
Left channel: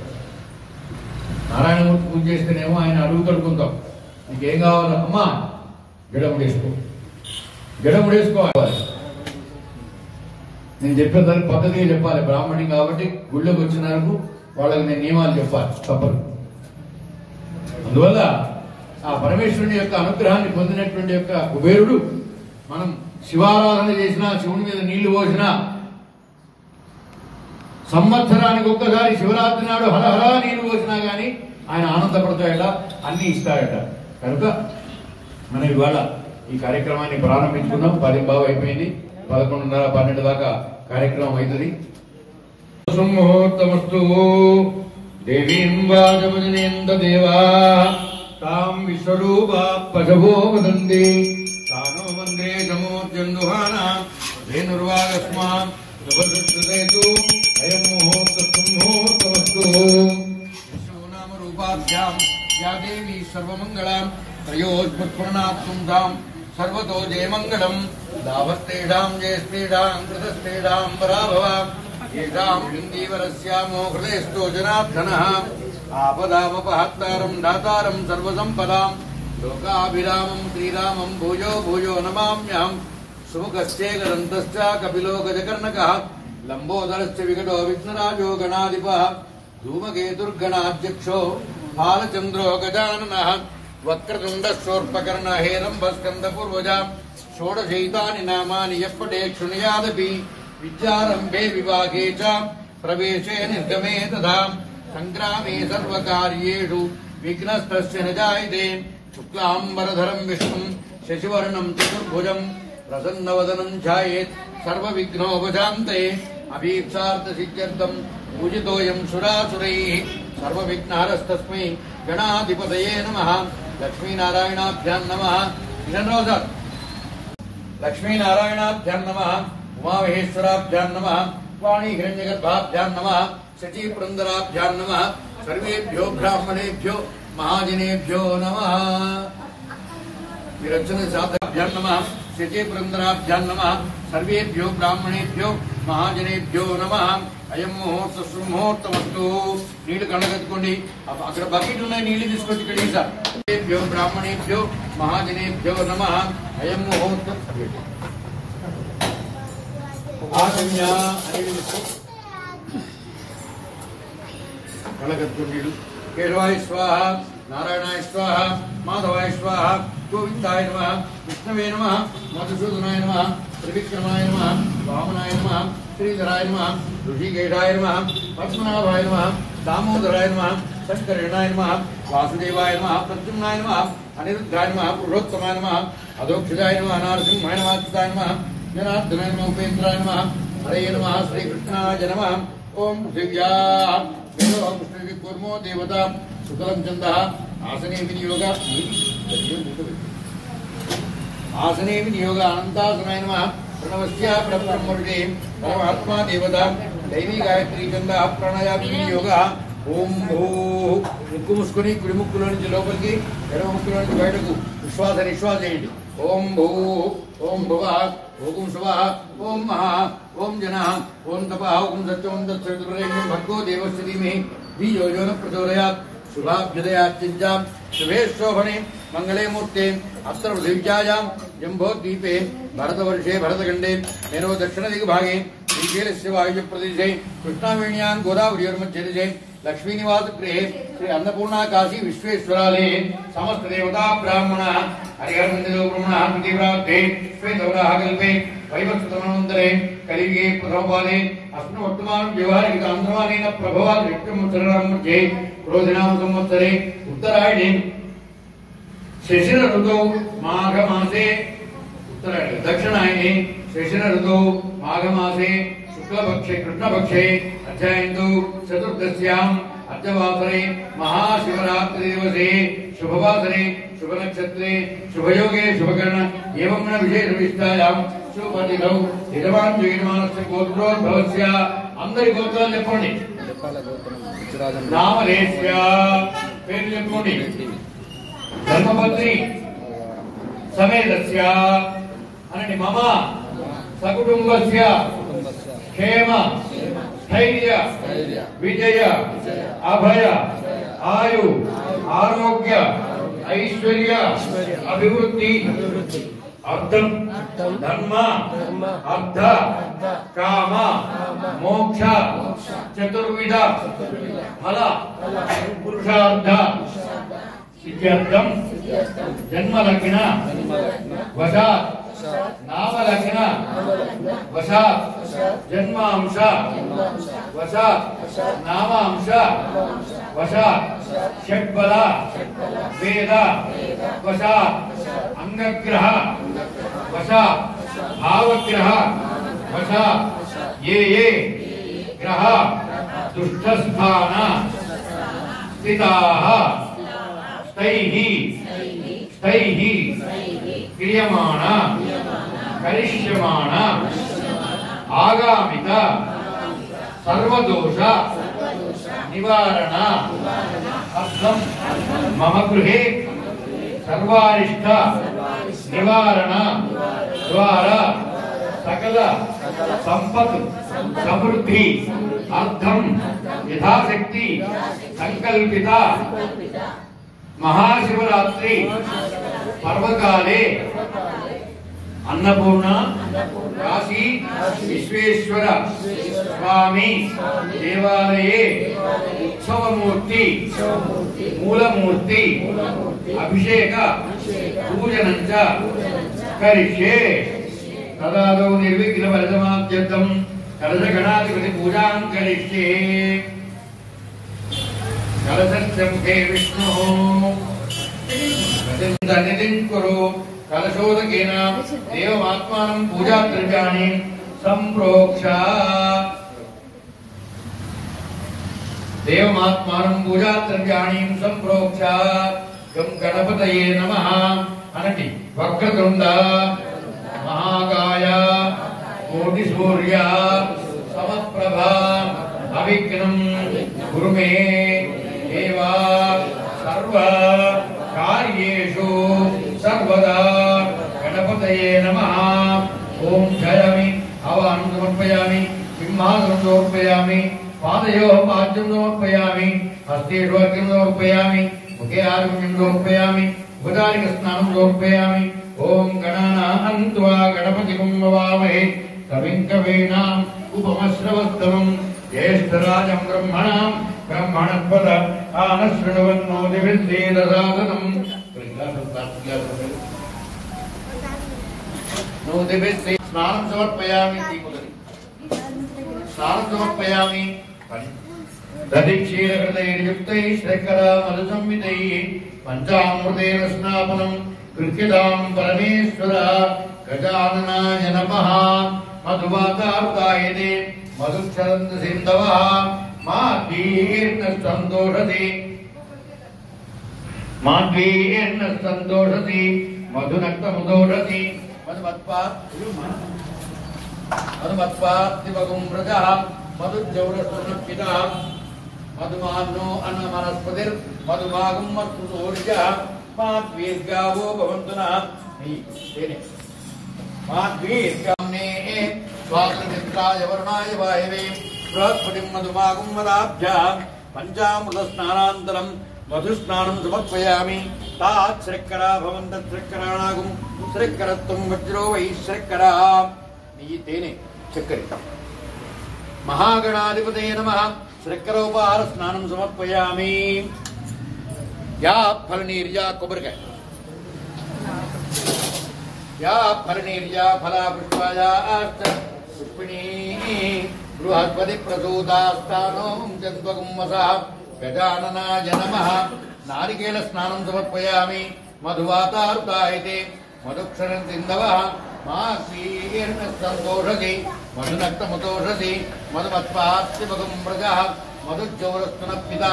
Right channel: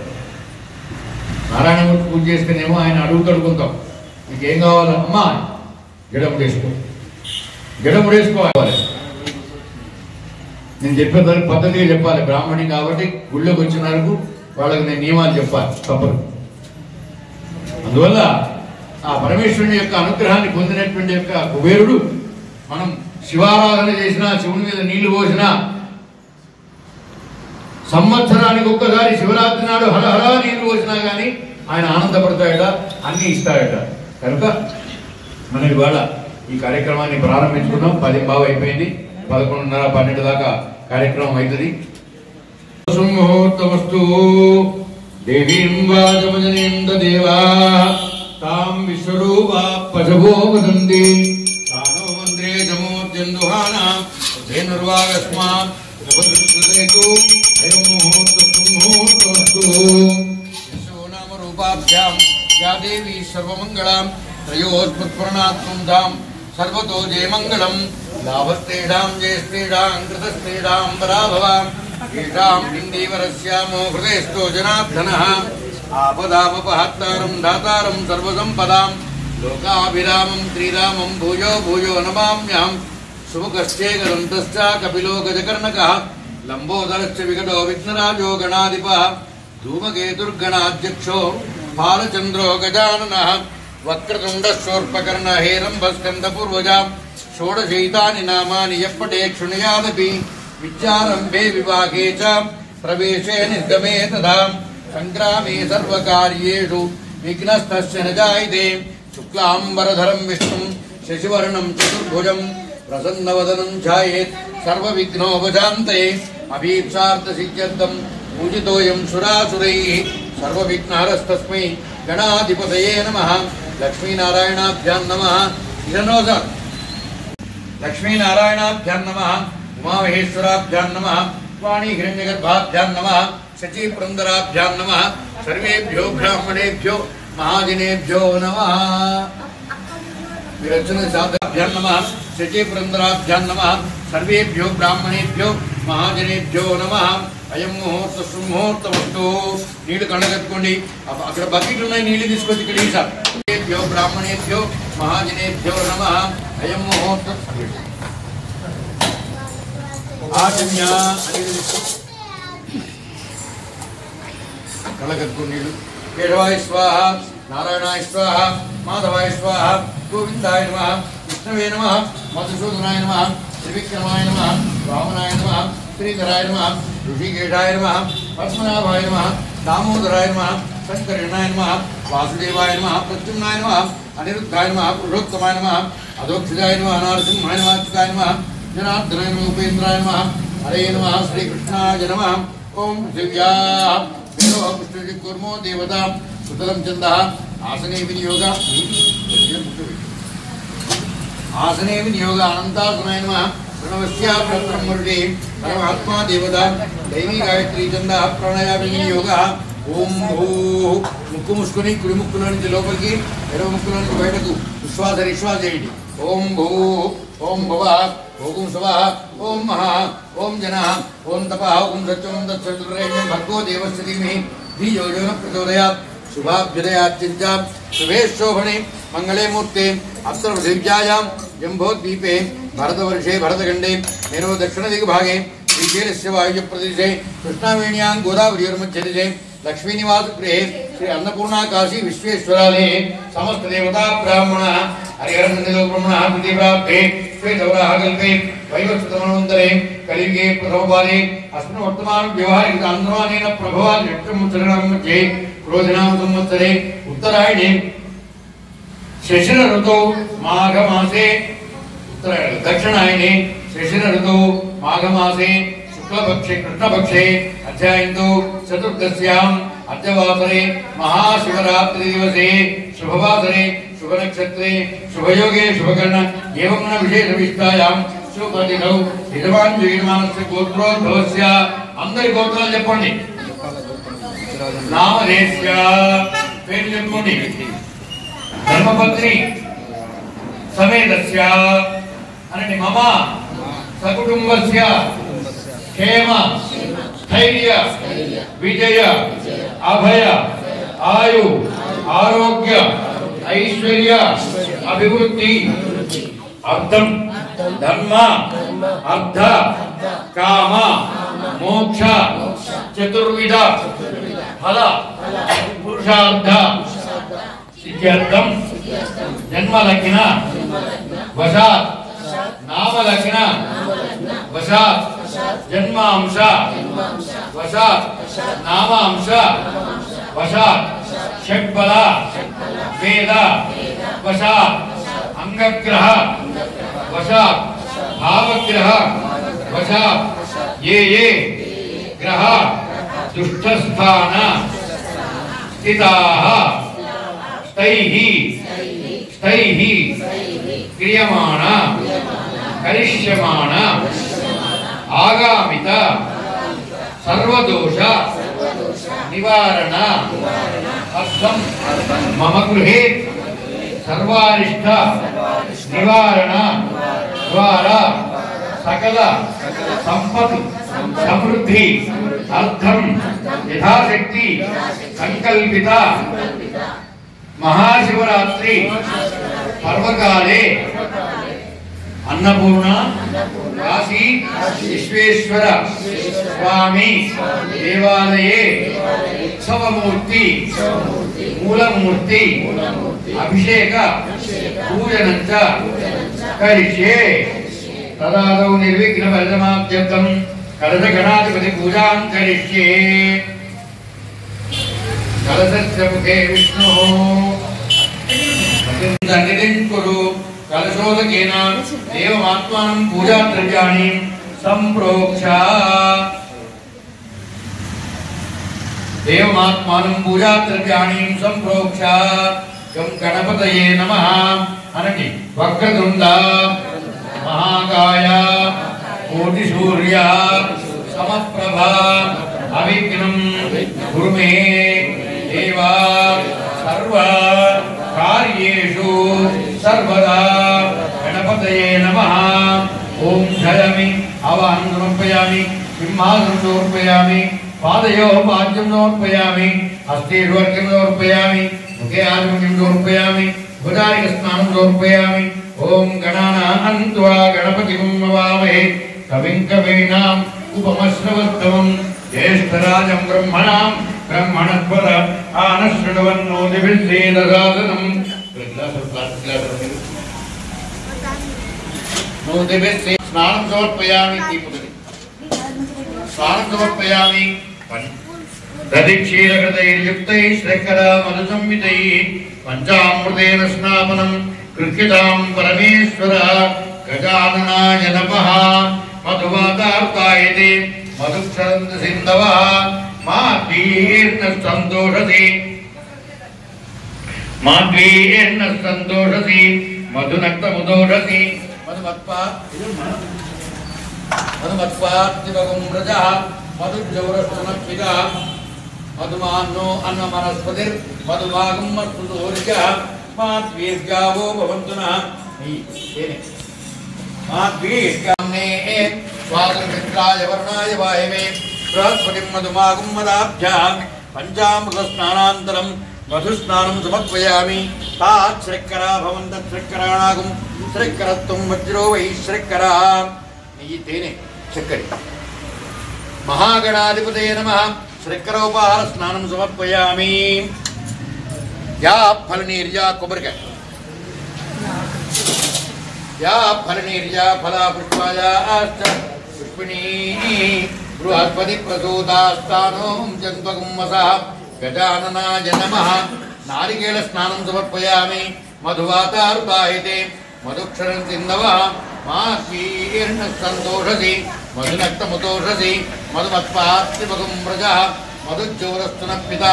నారాయణమూర్తి పూజ చేస్తేనేమో ఆయన అడుగుతాడు కొంటాం, నీకేం కావాలో అమ్మా జడముడేసుకోవాలి. నేను చెప్పే దానికి పద్ధతిగా చెప్పాలి. బ్రాహ్మణి కాబట్టి గుళ్ళోకి వచ్చిన వరకు వాళ్ళకి నేను నియమాలు చెప్పాలి, తప్పదు. అందువల్ల ఆ పరమేశ్వరుని యొక్క అనుగ్రహాన్ని పొందినటువంటి యొక్క కుబేరుడు మనం శివారాధన చేసినా, శివుని మీద నీళ్లు పోసినా, సంవత్సరానికి ఒక్కసారి శివరాత్రి నాడు హరహరా నీళ్లు పోసినా కానీ ఆయన ఆనందపడతాయట, అన్ని ఇస్తాయట. కనుక మనం ఇవాళ ఈ కార్యక్రమాన్ని ప్రారంభించుకున్నాం. 10 అయిపోయింది. 11:30, 12 దాకా కార్యక్రమం అవుతుంది. ముహూర్తమస్తు దేవీం వాచమజనేంద్ర దేవా తాం విశ్వరూపా పశవో వదంతి తానో మంత్రే జమోర్జందుహానా ధేనుర్వాగస్మాన్ ఉపసృతేతు అయం ముహూర్తమస్తు విశ్వనామ రూపాభ్యాం యా దేవీ సర్వమంగళాం త్రయోస్ఫుత్ప్రణాత్మం ధాం సర్వతో జయమంగళం లాభస్తేషాం జయస్తేషాం కృతస్తేషాం పరాభవాం ఏషాం హిందీవరస్యామో హృదయస్థో జనార్దనః ఆపదాపహర్తారం దాతారం సర్వసంపదాం లోకాభిరామం శ్రీరామం భూయో భూయో నమామ్యహం శుభకశ్చేకదంతశ్చ కపిలో గజకర్ణకః లంబోదరశ్చ వికటో విఘ్నరాజో గణాధిపః ధూమకేతుర్గణాధ్యక్షో బాలచంద్రో గజాననః వక్రతుండశూర్పకర్ణ హేరంబస్కందపూర్వజ షోడశైతాని నామాని యప్పటే క్షుణయాదపి విద్యారంభే వివాహే చ ప్రవేశే నిర్గమే తథా సంగ్రామే సర్వకార్యేషు విఘ్నస్తస్య న జాయతే శుక్లాంబరధరం విష్ణుం శశివర్ణం చతుర్భుజం ప్రసన్నవదనం ఛాయేత్ సర్వవిఘ్నోపశాంతయే అభీప్సార్థసిద్ధ్యర్థం పూజితోయం సురాసురైః సర్వవిఘ్నహరస్తస్మై గణాధిపతయే నమః. లక్ష్మీనారాయణాభ్యాం నమః. ఇదన్నో సార్ లక్ష్మీనారాయణాభ్యాం నమః. ఉమామహేశ్వరాభ్యాం నమః. వాణీ హిరణ్యగర్భాభ్యాం నమః. శచీపురందరాభ్యాం నమః. సర్వేభ్యో బ్రాహ్మణేభ్యో మహాజనేభ్యో నమః. మీరు వచ్చిన శాబ్దాభ్యాం నమః. శచీపురందరాభ్యాం నమః. సర్వేభ్యో బ్రాహ్మణేభ్యో महाजनेभ्यो नमः अयं मुहूर्त सुमुहूर्तमस्तु नीళ్ళు కళ్ళగట్టుకోండి అక్కడ బకెట్లు ఉన్నాయి నీళ్ళు తీసుకొచ్చి ఇక్కడ ఈసారి బ్రాహ్మణేభ్యో మహాజనేభ్యో నమః అయం ముహూర్త ఆశమ్య అనేది కళ్ళగట్టుకోండి నీళ్ళు కేశవాయ స్వాహ నారాయణాయ స్వాహ మాధవాయ స్వాహ గోవిందాయ నమః విష్ణవే నమః మధుసూదనాయ నమః త్రివిక్రమాయ నమః వామనాయ నమః श्रीधराय नमः ऋषिकेशाय नमः पद्मनाभाय नमः दामोदराय नमः शंकरणाय नमः वासुदेवाय नमः प्रद्युम्नाय नमः अनिरुद्धाय नमः पुरुषोत्तमाय नमः अधोक्षजाय नमः नारसिंहाय नमः अच्युताय नमः जनार्दनाय नमः उपेन्द्राय नमः हरे नमः श्रीकृष्णाय नमः ओम दिव्याः वेदो विष्णुजी कुर्मो देवता सुतलं चन्दः आसने विनियोग आसने विनियोग अनन्तासनाय नमः प्रणवस्या ब्रह्मर्षि परमात्मा देवता दैवी गायत्री चंद प्रणय विनियोग ओम भूः मुक्कु मुस्कुनी कुడి ముక్కులో నుంచి లోపలికి ఎడమ ముక్కులో నుంచి బయటకు విశ్వాస నిశ్వాస చేయండి ఓం భూః ఓం భువః ఓం స్వః ఓం మహా ఓం జనః ఓం తపః ఓం సత్యం తత్సవితుర్వరేణ్యం భర్గో దేవస్య ధీమహి ధియో యో నః ప్రచోదయాత్ शुभाभ्युदयाचिन्तां शुभे शोभने मंगले मूर्ते अप्सरपृथिव्यायां जम्बोद्वीपे भरतवर्षे भरतखण्डे मेनो दक्षिणदिग्भागे श्रीशैलस्य वायुव्यप्रदेशे कृष्णावेण्यां गोदावरीयोर्मध्यदिशे लक्ष्मीनिवासगृहे श्री अन्नपूर्णा काशी विश्वेश्वरालये समस्त देवता ब्राह्मणः हरिहरसन्निधौ ब्रह्मणः प्रतिप्राप्ते श्वेतवराह कल्पे वैवस्वतमन्वन्तरे कलियुगे प्रथमपादे अस्मिन् वर्तमान व्यवहारिक आन्द्रमानेन प्रभवान् लक्ष्मीचरणं मध्ये क्रोधनाम संवत्सरे उत्तरायणे शिशिर ऋतौ माघ मासे उत्तरायणे दक्षिणायने शिशिर ऋतौ माघ मासे शुक्लपक्षे कृष्णपक्षे अध्यायन्तु चतुर्दश्याम् अद्यवासरे महाशिवरात्रि दिवसे शुभवासरे शुभनक्षत्रे शुभयोगे शुभकर्ण एवं विशेष विष्टायां शुभदिनौ यजमान् जगन्मानस्य गोत्रोद्भवस्य अंदरि गोत्राలు చెప్పండి నామదేశ్య పేరు చెప్పండి ధర్మపత్ని సమేతస్య అనండి మమ సకుటుంబస్య క్షేమ స్థైర్య విజయ అభయ ఆయు ఆరోగ్య ఐశ్వర్య అభివృద్ధి అర్థం ధర్మ అర్థ కామ మోక్ష చతుర్విధ ఫల పురుషార్థ సిద్ధ్యర్థం జన్మలగ్న వశాత్ నామలగ్న వశాత్ జన్మాంశ వశాత్ నామాంశ వశాత్ షడ్బల వేద వశాత్ అంగగ్రహ వశాత్ భావగ్రహ వశాత్ ఏ ఏ గ్రహ దుష్టస్థాన స్థితాః స్థైః స్థైః క్రియమాణ కరిష్యమాణ ఆగామిత సర్వదోష నివారణ అర్థం మమ గృహే సర్వారిష్ట నివారణ ద్వారా సకల సంపత్ సమృద్ధి అర్థం యథాశక్తి సంకల్పిత महाशिवरात्रि पर्वकाले अन्नपूर्ण काशी विश्वेश्वर स्वामी देवालये उत्सवमूर्ति मूलमूर्ति अभिषेक पूजनं च करिष्ये तदादौ निर्विघ्न परिसमाप्त्यर्थं कलशगणाधिपति पूजां करिष्ये कलशस्य मुखे विष्णुः सन्निधिं कुरु कलशोदकेन देवमात्मानं पूजाद्रव्याणि सम्प्रोक्ष देवमात्मानं पूजाद्रव्याणि सम्प्रोक्ष गं गणपतये नमः अनटि वक्रतुण्ड महाकाय कोटिसूर्य समप्रभा अविघ्नं कुरु मे देवा सर्व कार्येषु सर्वदा गणपतये नमः ओम धयामि आवाहनं समर्पयामि। सिंहासनं समर्पयामि पादयोः पाद्यं समर्पयामि हस्तेष्वर्घ्यं समर्पयामि मुखे आचमनीं समर्पयामि भुजारिकस्नानं समर्पयामि ओम गणानां त्वा गणपतिं नमामहे कविं कवीनाम् उपमश्रवस्तमं ज्येष्ठराजं ब्रह्मणां ब्रह्मणस्पद आनशृण्वन्नोदिभिर्सेदसादनं नोदिभिर्से स्नानं समर्पयामि दीपगति स्नानं समर्पयामि दधिक्षीरकृतैर्युक्तैः श्रकरा मधुसंयुतैः पञ्चामृतेन स्नापनं कृत्यतां परमेश्वर गजाननाय नमः मधुवातार्तायते मधुक्षरन्त सिन्धवः माद्वीर्न सन्तोषसि मधुनक्तमुदोषसि मधुमत्पात्तिवगुं व्रजः मधुजौरस्तुनक्षितः मधुमान्नो अन्नमनस्पतिर् मधुभागं मत्सुतोरिकः माद्वीर्गावो भवन्तु नः माद्वीर्गाम्ने स्वातन्त्राय वर्णाय वायवे बृहस्पतिं मधुमागं मदाभ्यां पञ्चामृतस्नानान्तरं मधुस्नानं समर्पयामि तात् श्रक्करा भवन्तः श्रक्कराणागं श्रक्करत्वं वज्रो वै श्रक्करा तेने चक्करि महागणाधिपतये नमः श्रक्करोपहार स्नानं समर्पयामि या फलनीर्या कोबरकाय या फलनीर्या फला पुष्पाया आस्त पुष्पिणी बृहस्पति प्रसूतास्तानों जन्मगुं वसः गजाननाय नमः नारिकेल स्नानं समर्पयामि मधुवातारुतायते मधुक्षरं सिन्धवः माकीर्ण सन्तोषसि मधुनक्तमुतोषसि मधुमत्पात्तिवगुं व्रजः मधुज्जौरस्तुनः पिता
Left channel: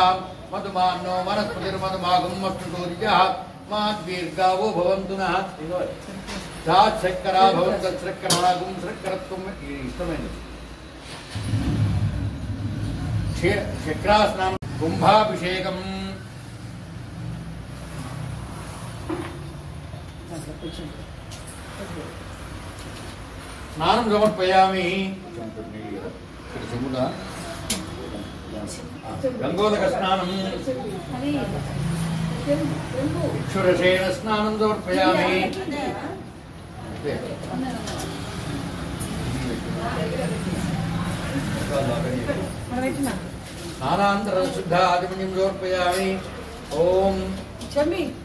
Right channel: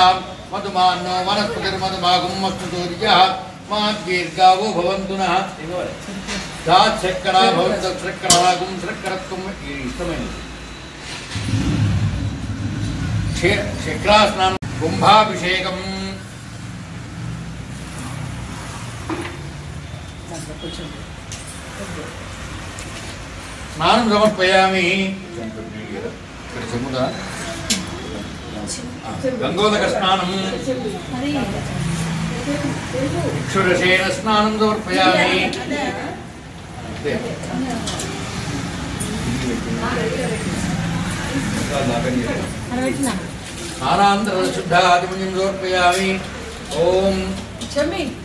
मधुमान्नो वनस्पतिर्मधुभागं मस्तुतोरिकः माद्वीर्गावो भवन्तु नः तात् श्रक्करा भवन्तः श्रक्कराणागुं श्रक्करत्वं इष्टమైనది శక్రాస్నానం కుంభాభిషేకం స్నానం సమర్పయామి గంగోదక స్నానం ఇక్షురసేన స్నానం సమర్పయామి స్నానాంతర శుద్ధాదిమునిం సమర్పయామి ఓం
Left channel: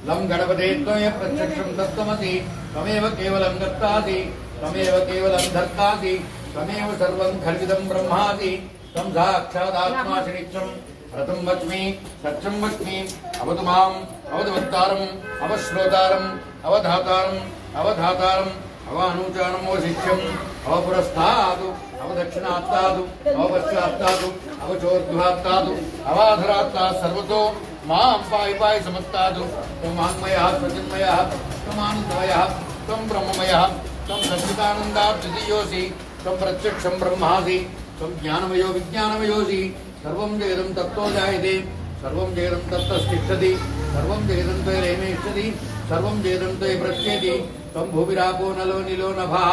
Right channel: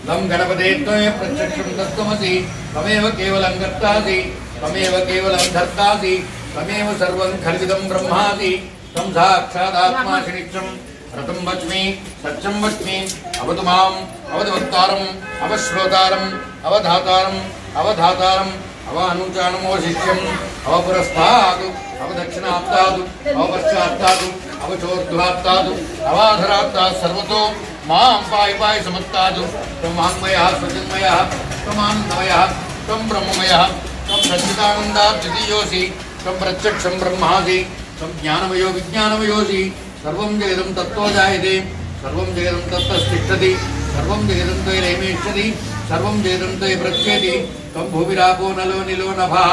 లం గణపతే త్వయ ప్రత్యక్షం తత్వమసి త్వమేవ కేవలం కర్తాసి త్వమేవ కేవలం ధర్తాసి త్వమేవ సర్వం ఖల్విదం బ్రహ్మాసి తం సాక్షాదాత్మాసి నిత్యం రతం వచ్మి సత్యం వచ్మి అవతు మాం అవధవత్తారం అవశ్రోతారం అవధాతారం అవధాతారం అవానుచానమోశిష్యం అవపురస్థాదు అవదక్షిణాత్తాదు అవపశ్చాత్తాదు అవచోర్ధ్వాత్తాదు అవాధరాత్తాదు సర్వతో మాం పాయి పాయి సమత్తాదు త్వం వాంగ్మయః స్వచిన్మయః త్వమానందమయః త్వం బ్రహ్మమయః త్వం సచ్చిదానందాబ్ధియోసి త్వం ప్రత్యక్షం బ్రహ్మాసి త్వం జ్ఞానమయో విజ్ఞానమయోసి సర్వం జగదం తత్తో జాయతే సర్వం జగదం తత్తస్థిష్టతి సర్వం జగదం త్వయేమేష్యతి సర్వం జగదం త్వయి ప్రత్యేతి త్వం భూమిరాపో నలో నిలో నభః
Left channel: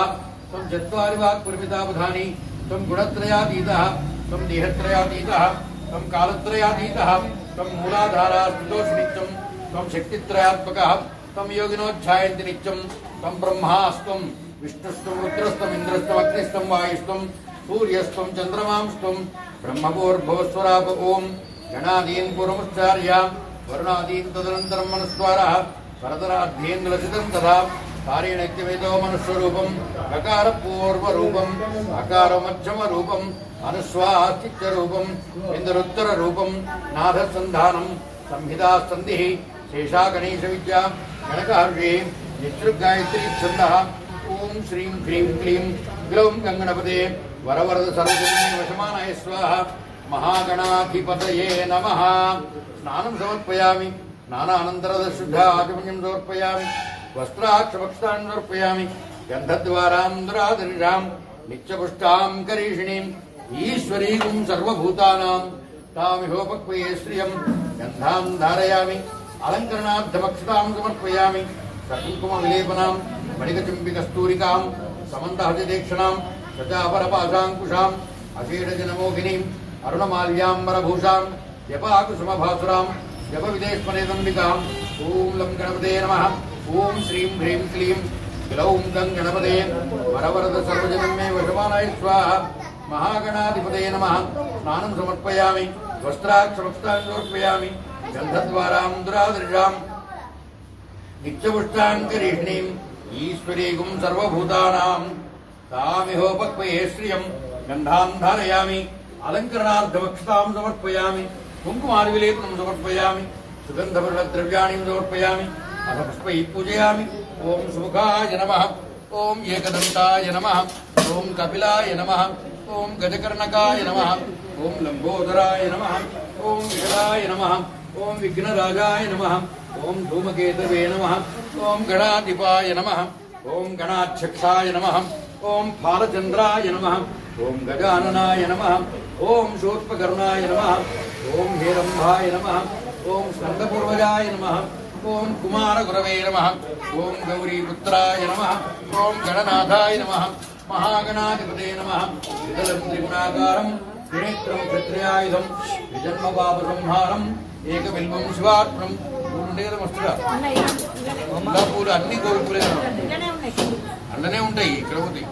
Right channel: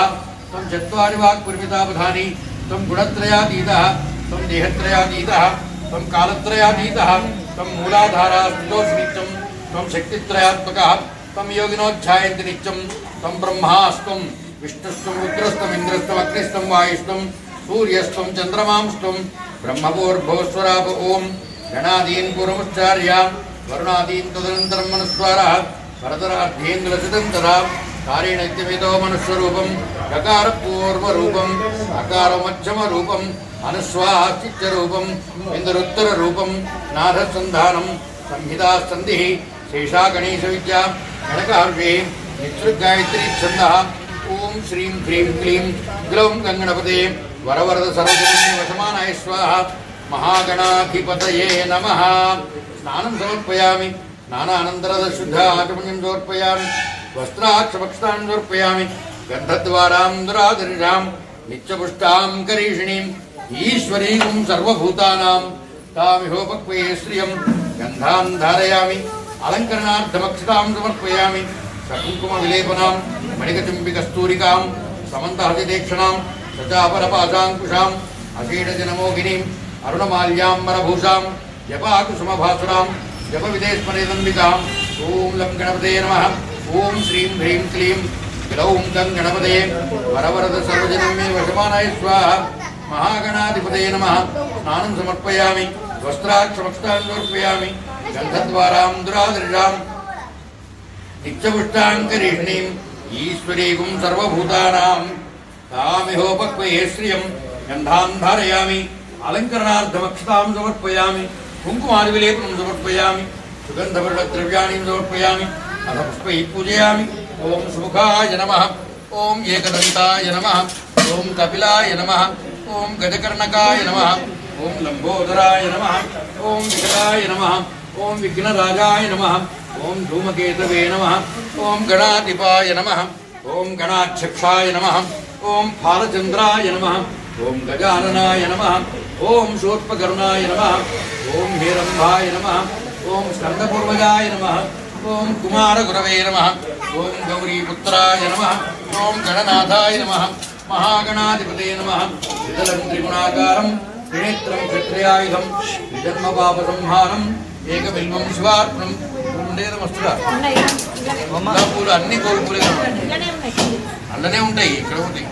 త్వం చత్వారి వాక్ పరిమితావధాని త్వం గుణత్రయాతీతః త్వం దేహత్రయాతీతః త్వం కాలత్రయాతీతః త్వం మూలాధారాస్థితోసి నిత్యం త్వం శక్తిత్రయాత్మకः త్వం యోగినోధ్యాయంతి నిత్యం త్వం బ్రహ్మాస్త్వం విష్ణుస్త్వం రుద్రస్త్వం ఇంద్రస్త్వం అగ్నిస్త్వం వాయుస్త్వం सूर्यस्त्वं चंद्रमांस्त्वं ब्रह्मभूर्भुवस्वराप ओम गणादीन् पूर्वमुच्चार्य वरुणादीन् तदनन्तरं मनुस्वारः परतराध्येन्द्रसितं तदा कारेणैत्यमितो मनुष्यरूपं गकारपूर्वरूपम् अकारमध्यमरूपम् अनुस्वाश्चित्यरूपम् इन्दरुत्तररूपं नाथसन्धानं संहितासन्धिः शेषा गणेशविद्या गणकाव्ये नित्युगायत्री छन्दः ओम श्रीं ह्रीं क्लीं ग्लौं गङ्गणपते वरवरद सर्वजननी वशमानाय स्वाहा महागणाधिपतये नमः स्नानं समर्पयामि स्नानानन्तरं शुद्ध आचमनीं समर्पयामि वस्त्राक्षभक्षान् समर्पयामि गन्धद्वारां दुरादरिणां नित्यपुष्टां करीषिणीं ईश्वरीं सर्वभूतानां तामिहोपक्वे श्रियं गन्धां धारयामि अलङ्करणार्थमक्षतां समर्पयामि सकुङ्कुमविलेपनां मणिकचुम्बिकस्तूरिकां समन्तहतिदेक्षणां सचापरपाशाङ्कुशां अशीडजनमोहिनीं अरुणमाल्याम्बरभूषां जपाकुसुमभासुरां जपविदेश्वरेदम्बिकां ॐ लं गणपते नमः ॐ श्रीं ह्रीं क्लीं ग्लौं तं गणपते वरवरद सर्वजनं मे वशमानाय स्वाहा महागणाधिपतये नमः स्नानं समर्पयामि वस्त्राक्षमस्तान् समर्पयामि गन्धद्वारां दुरादृशां नित्यपुष्टाङ्करीष्णीम् ईश्वरीगुं सर्वभूतानां तामिहोपक्वये श्रियं गन्धान् धारयामि अलङ्करणार्थमक्षतां समर्पयामि कुङ्कुमादिविलेपनं समर्पयामि सुगन्धवर्णद्रव्याणि समर्पयामि अथ पुष्पैः पूजयामि ॐ सुमुखाय नमः ॐ एकदन्ताय नमः ॐ कपिलाय नमः ॐ गजकर्णकाय नमः ॐ लम्बोदराय नमः ॐ विकटाय नमः ॐ विघ्नराजाय नमः ॐ धूमकेतवे नमः ॐ गणाधिपाय नमः ॐ गणाध्यक्षाय नमः ॐ फालचन्द्राय नमः ॐ गजाननाय नमः ॐ शूर्पकर्णाय नमः ॐ हेरम्भाय नमः ॐ स्कन्दपूर्वजाय नमः ॐ कुमारगुरवे नमः ॐ गौरीपुत्राय नमः ॐ गणनाथाय नमः महागणाधिपते नमः विदलं त्रिगुणाकारं त्रिनेत्रं क्षत्रियायुधं विजन्मपापसंहारं ఏకబిల్వం శివార్పణం ఉండేదమస్తుగా పూలు అన్ని కోరుకులే అల్లనే ఉంటాయి ఇక్కడ ఉంటాయి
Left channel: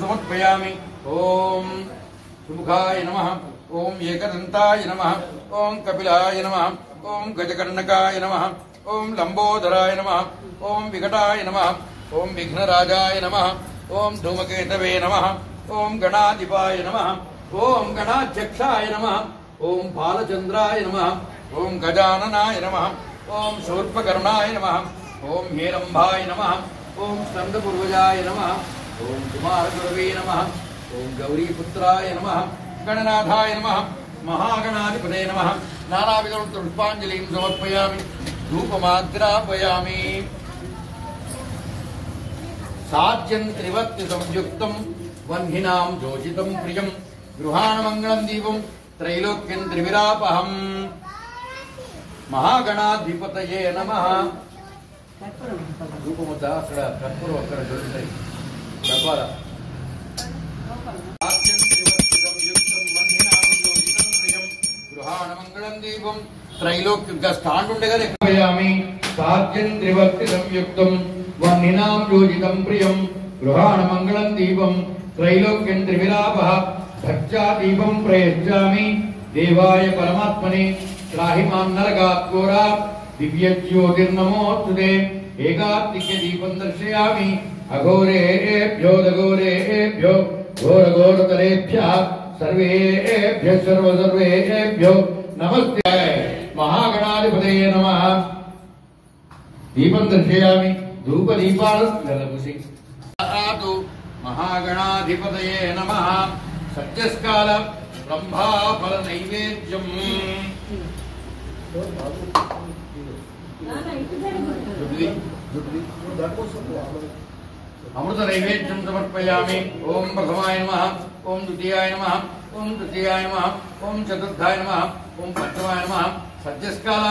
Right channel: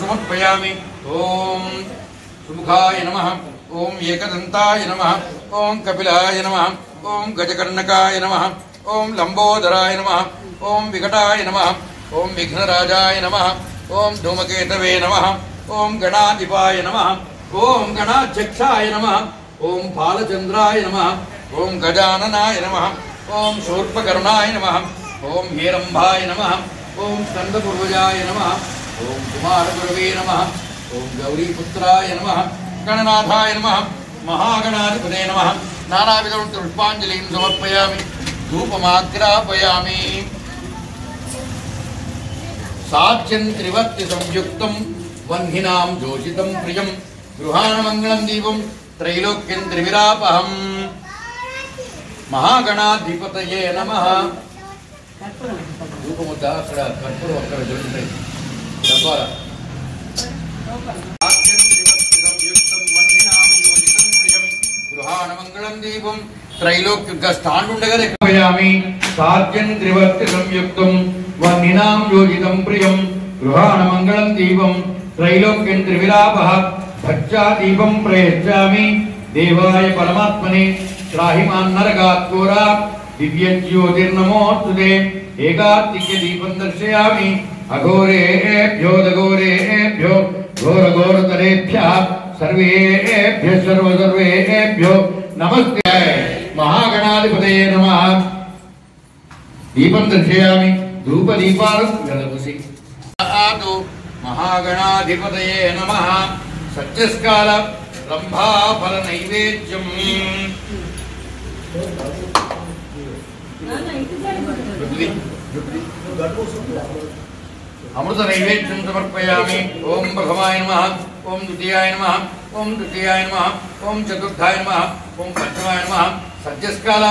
సమర్పయామి ఓం సుముఖాయ నమః ఓం ఏకదంతాయ నమః ఓం కపిలాయ నమః ఓం గజకర్ణకాయ నమః ఓం లంబోదరాయ నమః ఓం వికటాయ నమః ఓం విఘ్నరాజాయ నమః ఓం ధూమకేతవే నమః ओम गणाधिपाय नमः ओम गणाध्यक्षाय नमः ओम फालचंद्राय नमः ओम गजाननाय नमः ओम शूर्पकर्णाय नमः ओम हेरम्भाय नमः ओम स्कन्दपूर्वजाय नमः ओम कुमारगुरवे नमः ओम गौरीपुत्राय नमः गणनाथाय नमः महागणाधिपते नमः नानाविधं पुष्पाञ्जलिं समर्पयामि धूपमाग्रापयामि साध्यं त्रिवक्ति संयुक्तं वह्निनां जोषितं प्रियं गृहाणमङ्गलं दीपं त्रैलोक्यं त्रिविरापहं महागणाधिपतये नमः धूपमुद्द अక్కడ కర్పూరం అక్కడ దొరుకుతుంది డబ్బాల సాధ్యం త్రివర్తి సంయుక్తం వహ్నినాం జోషితం ప్రియం గృహాణమङ्गलं దీపం త్రైలోక్య స్టాండ్ ఉండగా లెక్కయామి సాధ్యం త్రివర్తి సంయుక్తం వహ్నినాం జోషితం ప్రియం గృహాణమङ्गलं దీపం त्रैलोक्यं त्रिविलापः भज्जा दीपं प्रयच्छामि देवाय परमात्मने त्राहिमान् नरकात् घोरात् दिव्यज्योतिर्नमोऽस्तुते एकार्तिक्य दीपं दर्शयामि अघोरेभ्यो दघोरेभ्यो घोरघोरतरेभ्यः सर्वेभ्यः सर्वेभ्यो नमस्ते महागणाधिपतये नमः दीपं दर्शयामि धूपदीपालुसी महागणाधिपतये नमः सत्यस्काल रंभाफल नैवेद्यम अमृत नैवेद्यं समर्पयामि ओम प्रथमाय नमः ओम द्वितीयाय नमः ओम तृतीयाय नमः ओम चतुर्थाय नमः ओम पंचमाय नमः सत्यस्काल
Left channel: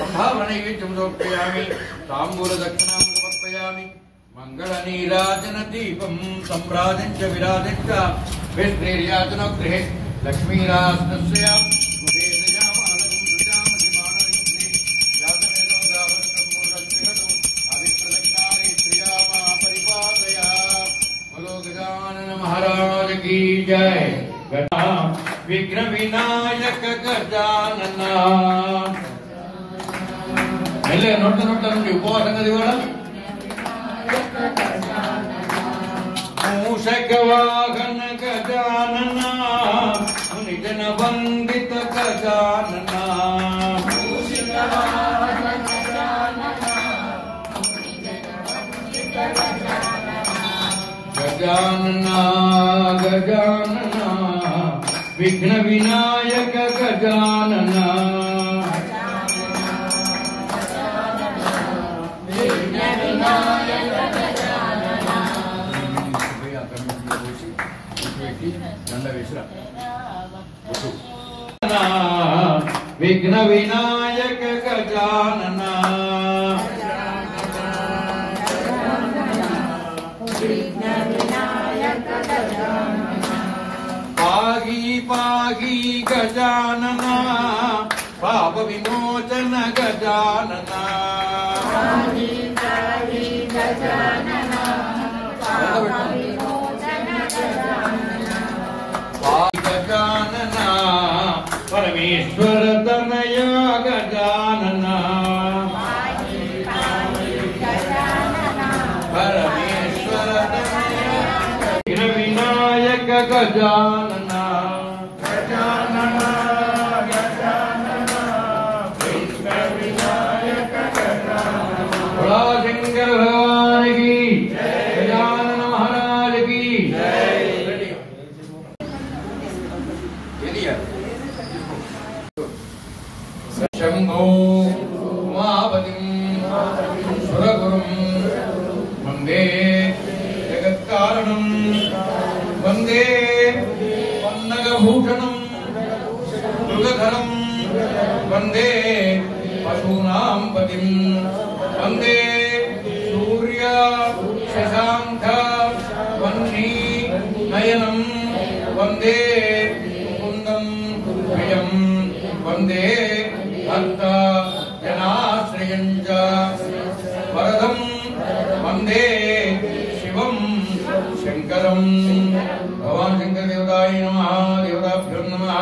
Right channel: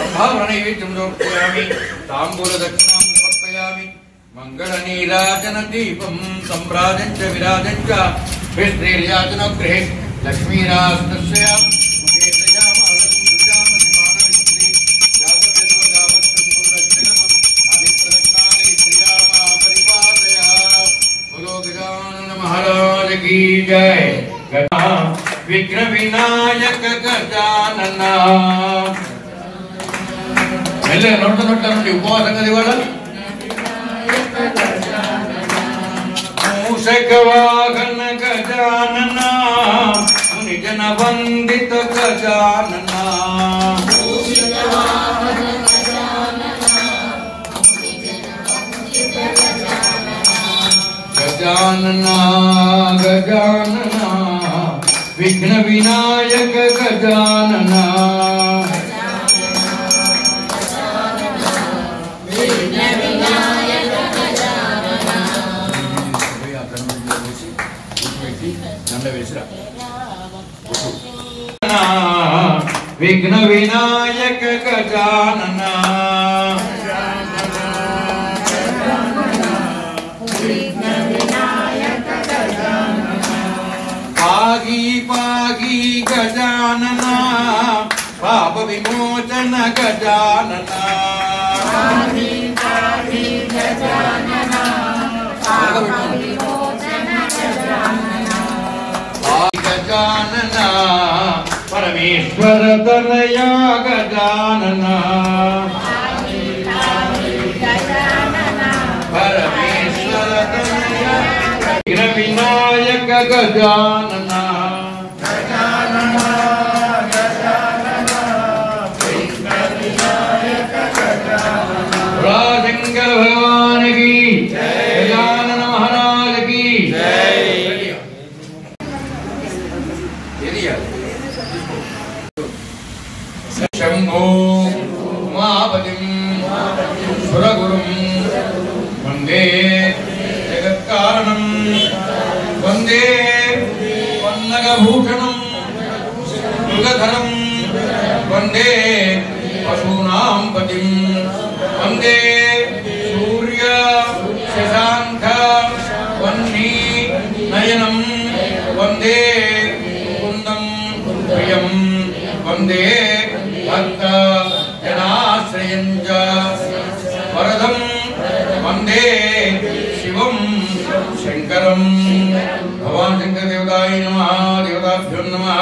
रंभाफल नैवेद्यं समर्पयामि तांबूल दक्षिणां समर्पयामि मंगल नीराजन दीपं सम्राजं च विराजं च विश्रेर्याजनगृहे लक्ष्मीरास्तस्य मुखे प्रजामालकं सुजामतिमानविमुक्ति जातवेदो दावत्रं मुरक्षकम् अभिप्रदक्षाले श्रियामा परिपादया बोलो गजानन महाराज की जय विघ्न विनायक गजानन मेल्ले नोट नुडी उपवास दिवाला मूषकवाहन गजानना मुनिजन वंदित गजानना गजानना गजानना विघ्न विनायक गजानना विघ्न विनायक गजानना विमोचन गजानन गजानन परमेश्वर तनया गजानन परमेश्वर तनया विनायक गजानन शंकर भगवान की गजानन महाराज की शंभो उमापतिं सुरगुरुं वंदे जगत्कारणं वंदे पन्नगभूषणं मृगधरं वंदे पशूनां पतिं वंदे सूर्य शशांक वह्नि नयनं वंदे मुकुंदं प्रियं वंदे भक्त जनाश्रयं च वरदं वंदे शिवं शंकरं भगवान शंकर देवताय नमः देवताभ्यो नमः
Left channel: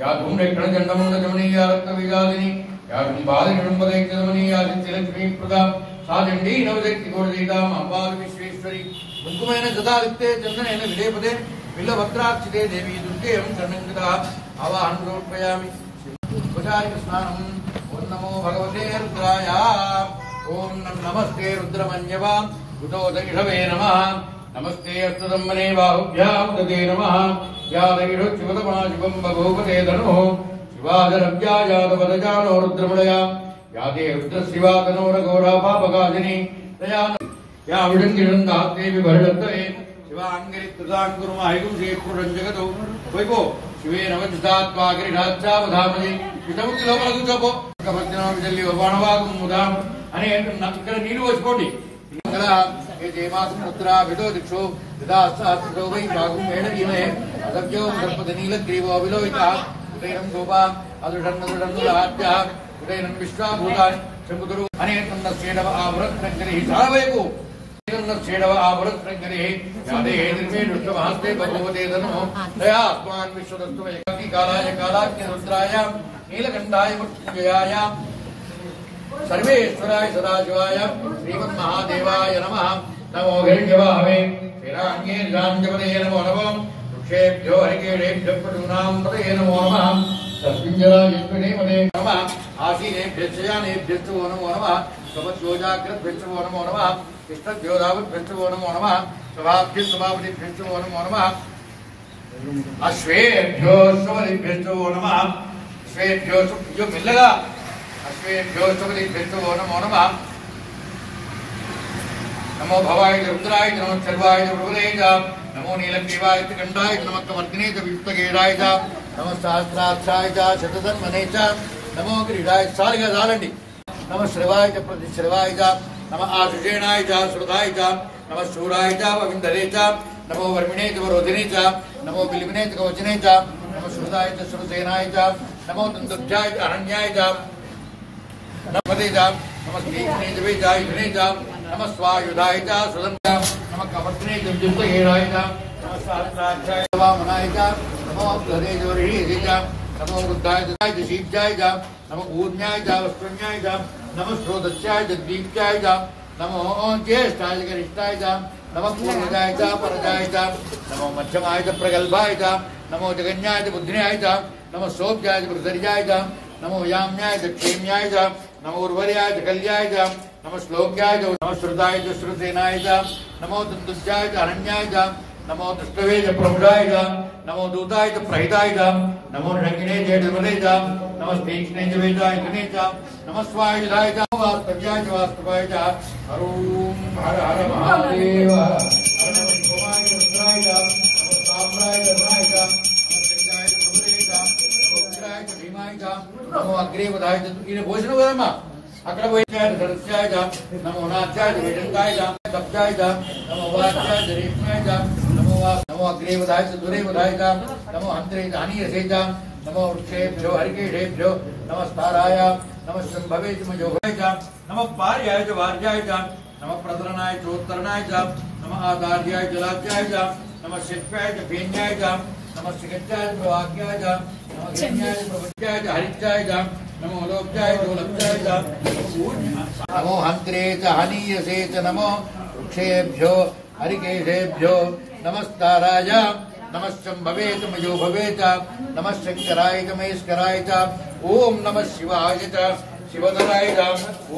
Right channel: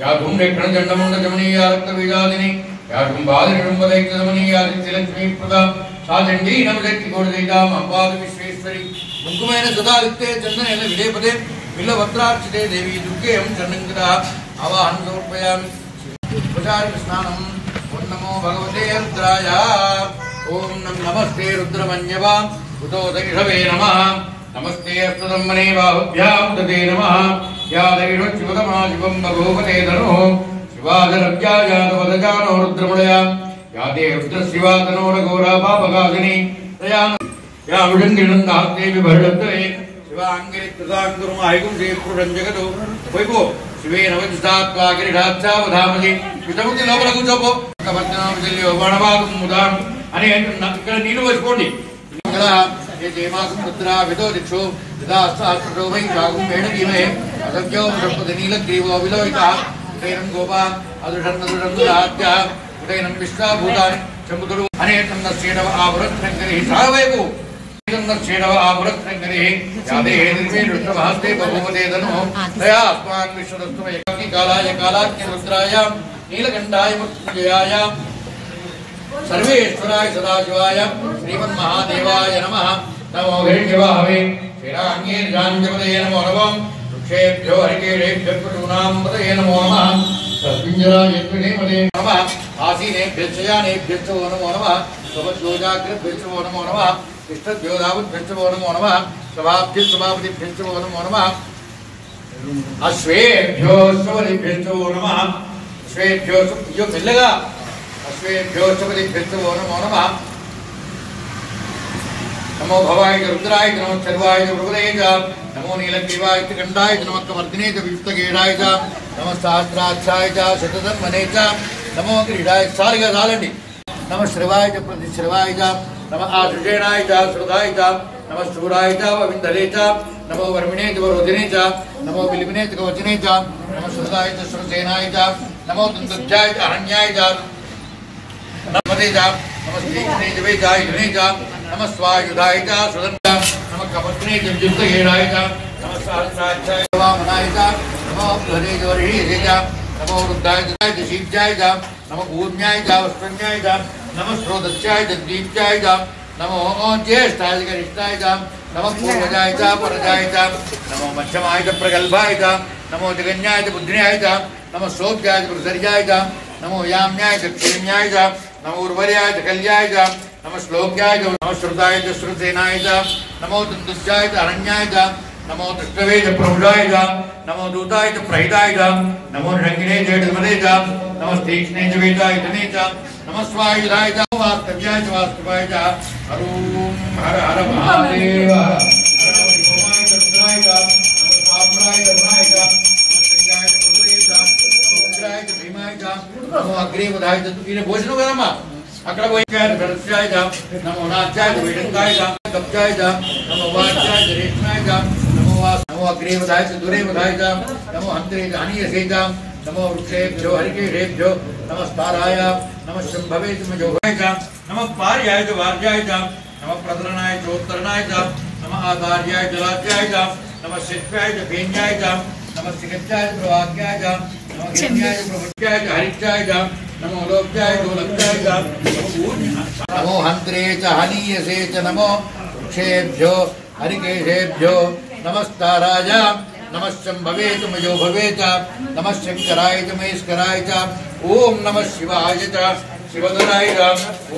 या धूम्रेक्षण चंडमुंड जमनीया रक्तबीजादिनी या कुंभादिनिरुंबदैक्यदमनीया लक्ष्मी प्रदा साचंडी नवशक्ति कोटदैताम अंबाद विश्वेश्वरी कुंकुमेन सदादित्ये चंदनेन विलेपते बिल्लभद्रार्चिते देवी दुर्गे हम चरणंकृता आवाहन समर्पयामि उपचारिक स्नानम ओम नमो भगवते रुद्राय ओम नमस्ते रुद्रमन्यवा उतो दैषवे नमः नमस्ते अस्तदम्मने बाहुभ्यां तते नमः या दैषोच्युतमा शिवं भगवते धनुः शिवादरव्यायादवदजानो रुद्रमलया या ते रुद्रशिवातनोरघोरा पापकाशिनी या विडङ्गिनन्दास्ते विभर्डत्वे शिवाङ्गिरिकृताङ्कुरुमाहिकुं श्रीपुरुषं जगतो वैभो शिवेन वज्रसात्वागिरिढाच्छावधामसि వితముతి లోపల కూర్చోపో కమర్జనామజల్లి బాణవాగం ముదాం అని ఇక్కడ నీళ్ళు పోసుకోండి కదా ఏ జయమాసం పుత్ర విదో దిక్షో యదాస్తాస్తో వై భాగం మేడగీమే అసభ్యో సంపద నీలగ్రీవో విలోహిత ఉదయనం గోపా అదుషన్నదుషన్నులాద్య ఉదయనం విశ్వాభూతాని చంబుదుడు అనేకన్న శ్రీడవ ఆభురత్నంకరి సావైపు శ్రీడవ ఆభురత్నంకరి యాదే హేదిమే రుద్రమహస్తే బహుమదేదను దయా స్వాన్ విశ్వదస్తు ఏకాకి కాలాయ కాలాగ్ని రుద్రాయ నీలకంఠాయ మృత్యుంజయాయ सर्वेश्वराय सदाशिवाय श्रीमन्महादेवाय नमः नमो हिरण्यवाहवे श्रीराङ्गीर्जाञ्जपदये नमो नमः वृक्षेभ्यो हरिकेशेभ्यो पटूनां पदये नमो नमः तस्मिञ्जरायत्रिणेपदे नमः आसीनेभ्यश्चयानेभ्यश्च वो नमो नमः स्वपद्योजाग्रभ्यश्च वो नमो नमः तिष्ठद्योधावद्भ्यश्च वो नमो नमः स्वभाभ्यश्च वो नमो नमः अश्वेभ्यो स्वलिभ्यश्च वो नमः अश्वेभ्यो यो मिलेगा अश्वेभ्यो सुपदिभ्यो नमो नमः नमो भवाय रुद्राय नमो सर्वाय प्रभुदेय नमो नीलग्रीवाय कंठाय नमः कमर्दिने च विष्टगेराय च नमः सहस्राक्षाय च शतधन्वने च नमो क्रीडाय सारिगा चालंడి नमः श्रवाय च प्रतिश्रवाय च नमः आशुषेणाय च श्रुताय च नमः शूराय च वविंदरे च नमो वर्मिणे च वरोधिने च नमो बिलिबिने च कवचने च नमः श्रुताय च श्रुतसेनाय च नमो तंतुज्जाय च अरण्याय च नमस्ते जाम नमस्ते इतने जबे जाय इतने जाम नमः स्वायुधाय च सुदंता नमः कपत्ने जबजुक्त हेराय च नमः सहस्राक्षाय वामनाय च नमो हरे जोरिहे च नमो रुद्राय च शिवजाय च नमः ऊर्ण्याय च वस्त्रण्याय च नमः स्रोतस्याय च दीप्त्याय च नमो ज्येष्ठाय च रिष्टाय च नमः पूर्वजाय च परजाय च नमो मध्यमाय च प्रगल्भाय च नमो जगन्याय च बुद्धिन्याय च नमः सोभ्याय च प्रसर्याय च नमो याम्याय च क्षेम्याय च नमो उर्वर्याय च कल्याय च नमः श्लोक्याय च नमः श्रुताय च श्रुतसेनाय च नमो तंतुज्जाय च अरण्याय च नमो दृष्टवे च प्रभुजाय च नमो दूताय च प्रहिताय च नमो रंगिणे च धर्मदे च नमः तीक्ष्णे च वेदायतने च नमः स्वायुधाय च वास्तव्याय च वास्तवाय च हरूम हर हर महादेव हर नमः शिवाय च रुद्राय च नमः साम्राय च धर्माय च नमः संगाय च प्रभुदे च नमः उग्राय च भीमाय च नमो अग्रेवधाय च इने भोजन करमा अక్కడ పోయికాయ దర్శ్యాయ च नमो नाचाय च वेदंगाय च कब्जाय च नमो वाचाय च रेशमाय च नमो अग्रेवधाय च दुरेवधाय च नमो हंत्रे च हनीयसे च नमो वृक्षेभ्यो हरिकेशेभ्यो नमस्ताराय नमः शंभवे तुमयोगाय च नमः पार्याय च वार्याय च नमः प्रतरणाय च उत्तरणाय च नमः आधार्याय च लाज्याय च नमः शिष्याय च भेन्याय च नमः शिखत्याय च प्रवाक्याय च नमः घेन्याय च प्रवच्याय च हरिच्याय च नमो लोक्याय च लक्ष्याय च नमो हंत्रे च हनीयसे च नमो वृक्षेभ्यो हरिकेशेभ्यो नमस्ताराय नमः शंभवे तुमयो भवे च नमः शंकराय च महेश्वराय च ओम नमः शिवाय च शिवधराय च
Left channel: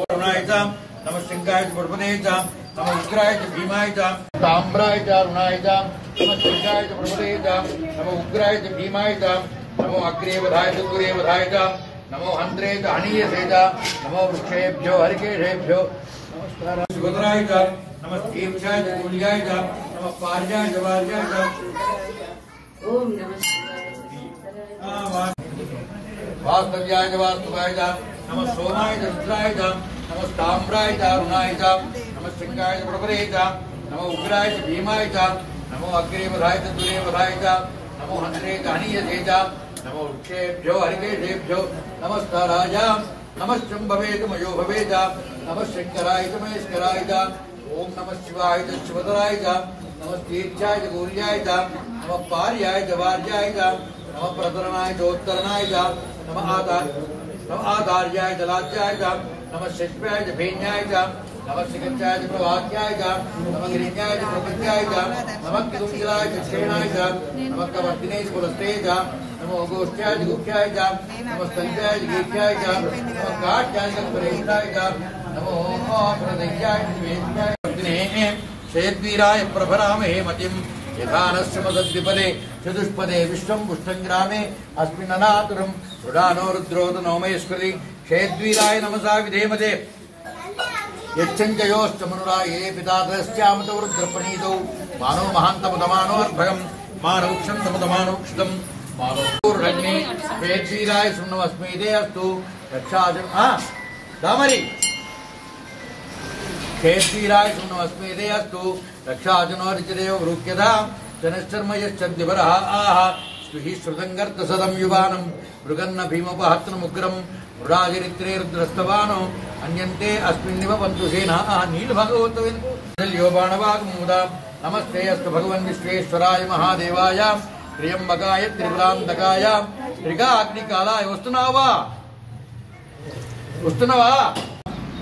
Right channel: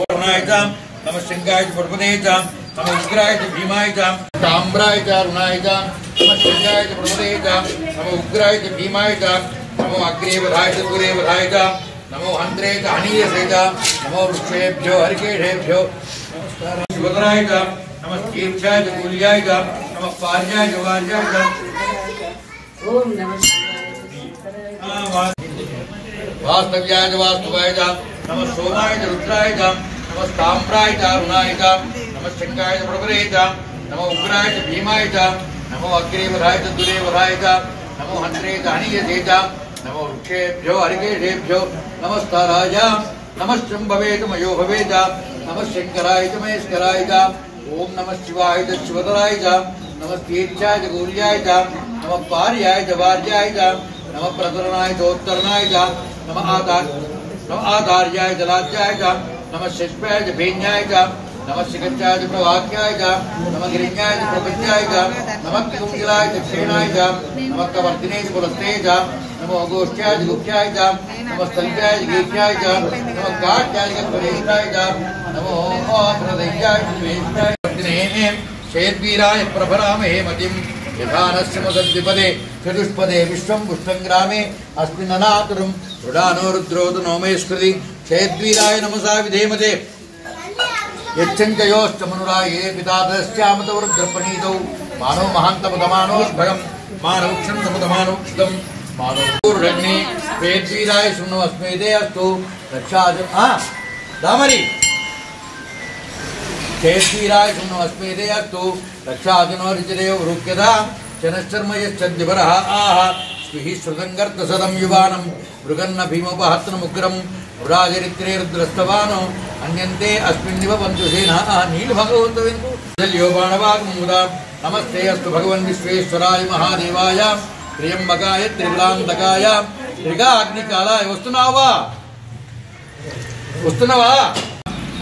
ओर्णाय च नमः शंकाय च प्रभुदे च नमः उग्राय च भीमाय च ताम्राय च अरुणाय च नमः शंकाय च प्रभुदे च नमः उग्राय च भीमाय च नमो अग्रेवधाय च दूरेवधाय च नमो हंत्रे च हनीयसे च नमो वृक्षेभ्यो हरिकेशेभ्यो नमस्कार शिवधराय च नमः तीर्थाय च कूल्याय च नमः पार्याय च वार्याय च ओम नमः वास्तव्याय च वास्तवाय च नमः सोमाय च रुद्राय च नमः ताम्राय च अरुणाय च नमः शंकाय च प्रभुदे च नमः उग्राय च भीमाय च नमो अग्रेवधाय च दूरेवधाय च नमो हंत्रे च हनीयसे च नमो वृक्षेभ्यो हरिकेशेभ्यो नमस्ताराय नमः शंभवे तुमयो भवे च नमः शंकराय च महेश्वराय च ओम नमः शिवाय च शिवधराय च नमः तीर्थाय च कूल्याय च नमः पार्याय च वार्याय च नमः प्रतरणाय च उत्तरणाय च नमः आधार्याय च लाज्याय च नमः शिष्याय च भेन्याय च नमः शिखत्याय च प्रवाक्याय च नमः गिरिण्याय च प्रपंचाय च नमः कुंजलाय च क्षेणाय च नमः कवर्तिने च पुरस्ते च नमो गोष्ठ्याय च गुप्त्याय च नमः स्तल्प्याय च गीत्याय च नमः काट्याय च पुरेष्ठाय च नमो प्रदय्याय च वेष्ठाय शेद्वीराय प्रभरामहे मतिं यथानश्यमसद्विपदे चतुष्पदे विश्वं पुष्टंग्रामे अस्मिन्ननातुरं रुडानो रुद्रोतु नोमयस्कृति शेद्वीराय नमसा विधेमते यच्छञ्चयोष्टमनुराये पितादश्चामतवरुद्रप्रणीतौ मानव महान्तमुदमानोद्भगं मानवक्षन्तमुदमानवक्षितं मानवपूर्णग्नि शेद्वीराय शृण्वस्मेदे अस्तु रक्षाजं दामरी शेद्वीराय शृण्वस्मेदे अस्तु रक्षाजनो ऋचिरेव वृक्यता जनश्चर्म यश्चद्विवरः आह स्विः श्रुतङ्गर्तसदं युवानं मृगन्न भीमोपहत्नमुग्रं वृडाचरित्रे रुद्रस्तवानो अन्यन्ते अस्मिन्निव बन्धुसेनः नीलभगवन्तविन्दुल्यो बाणवाग्मुदा नमस्ते अस्तु भगवन् विश्वेश्वराय महादेवाय त्र्यम्बकाय त्रिपुरान्तकाय त्रिगाग्निकालाय वस्तुनवा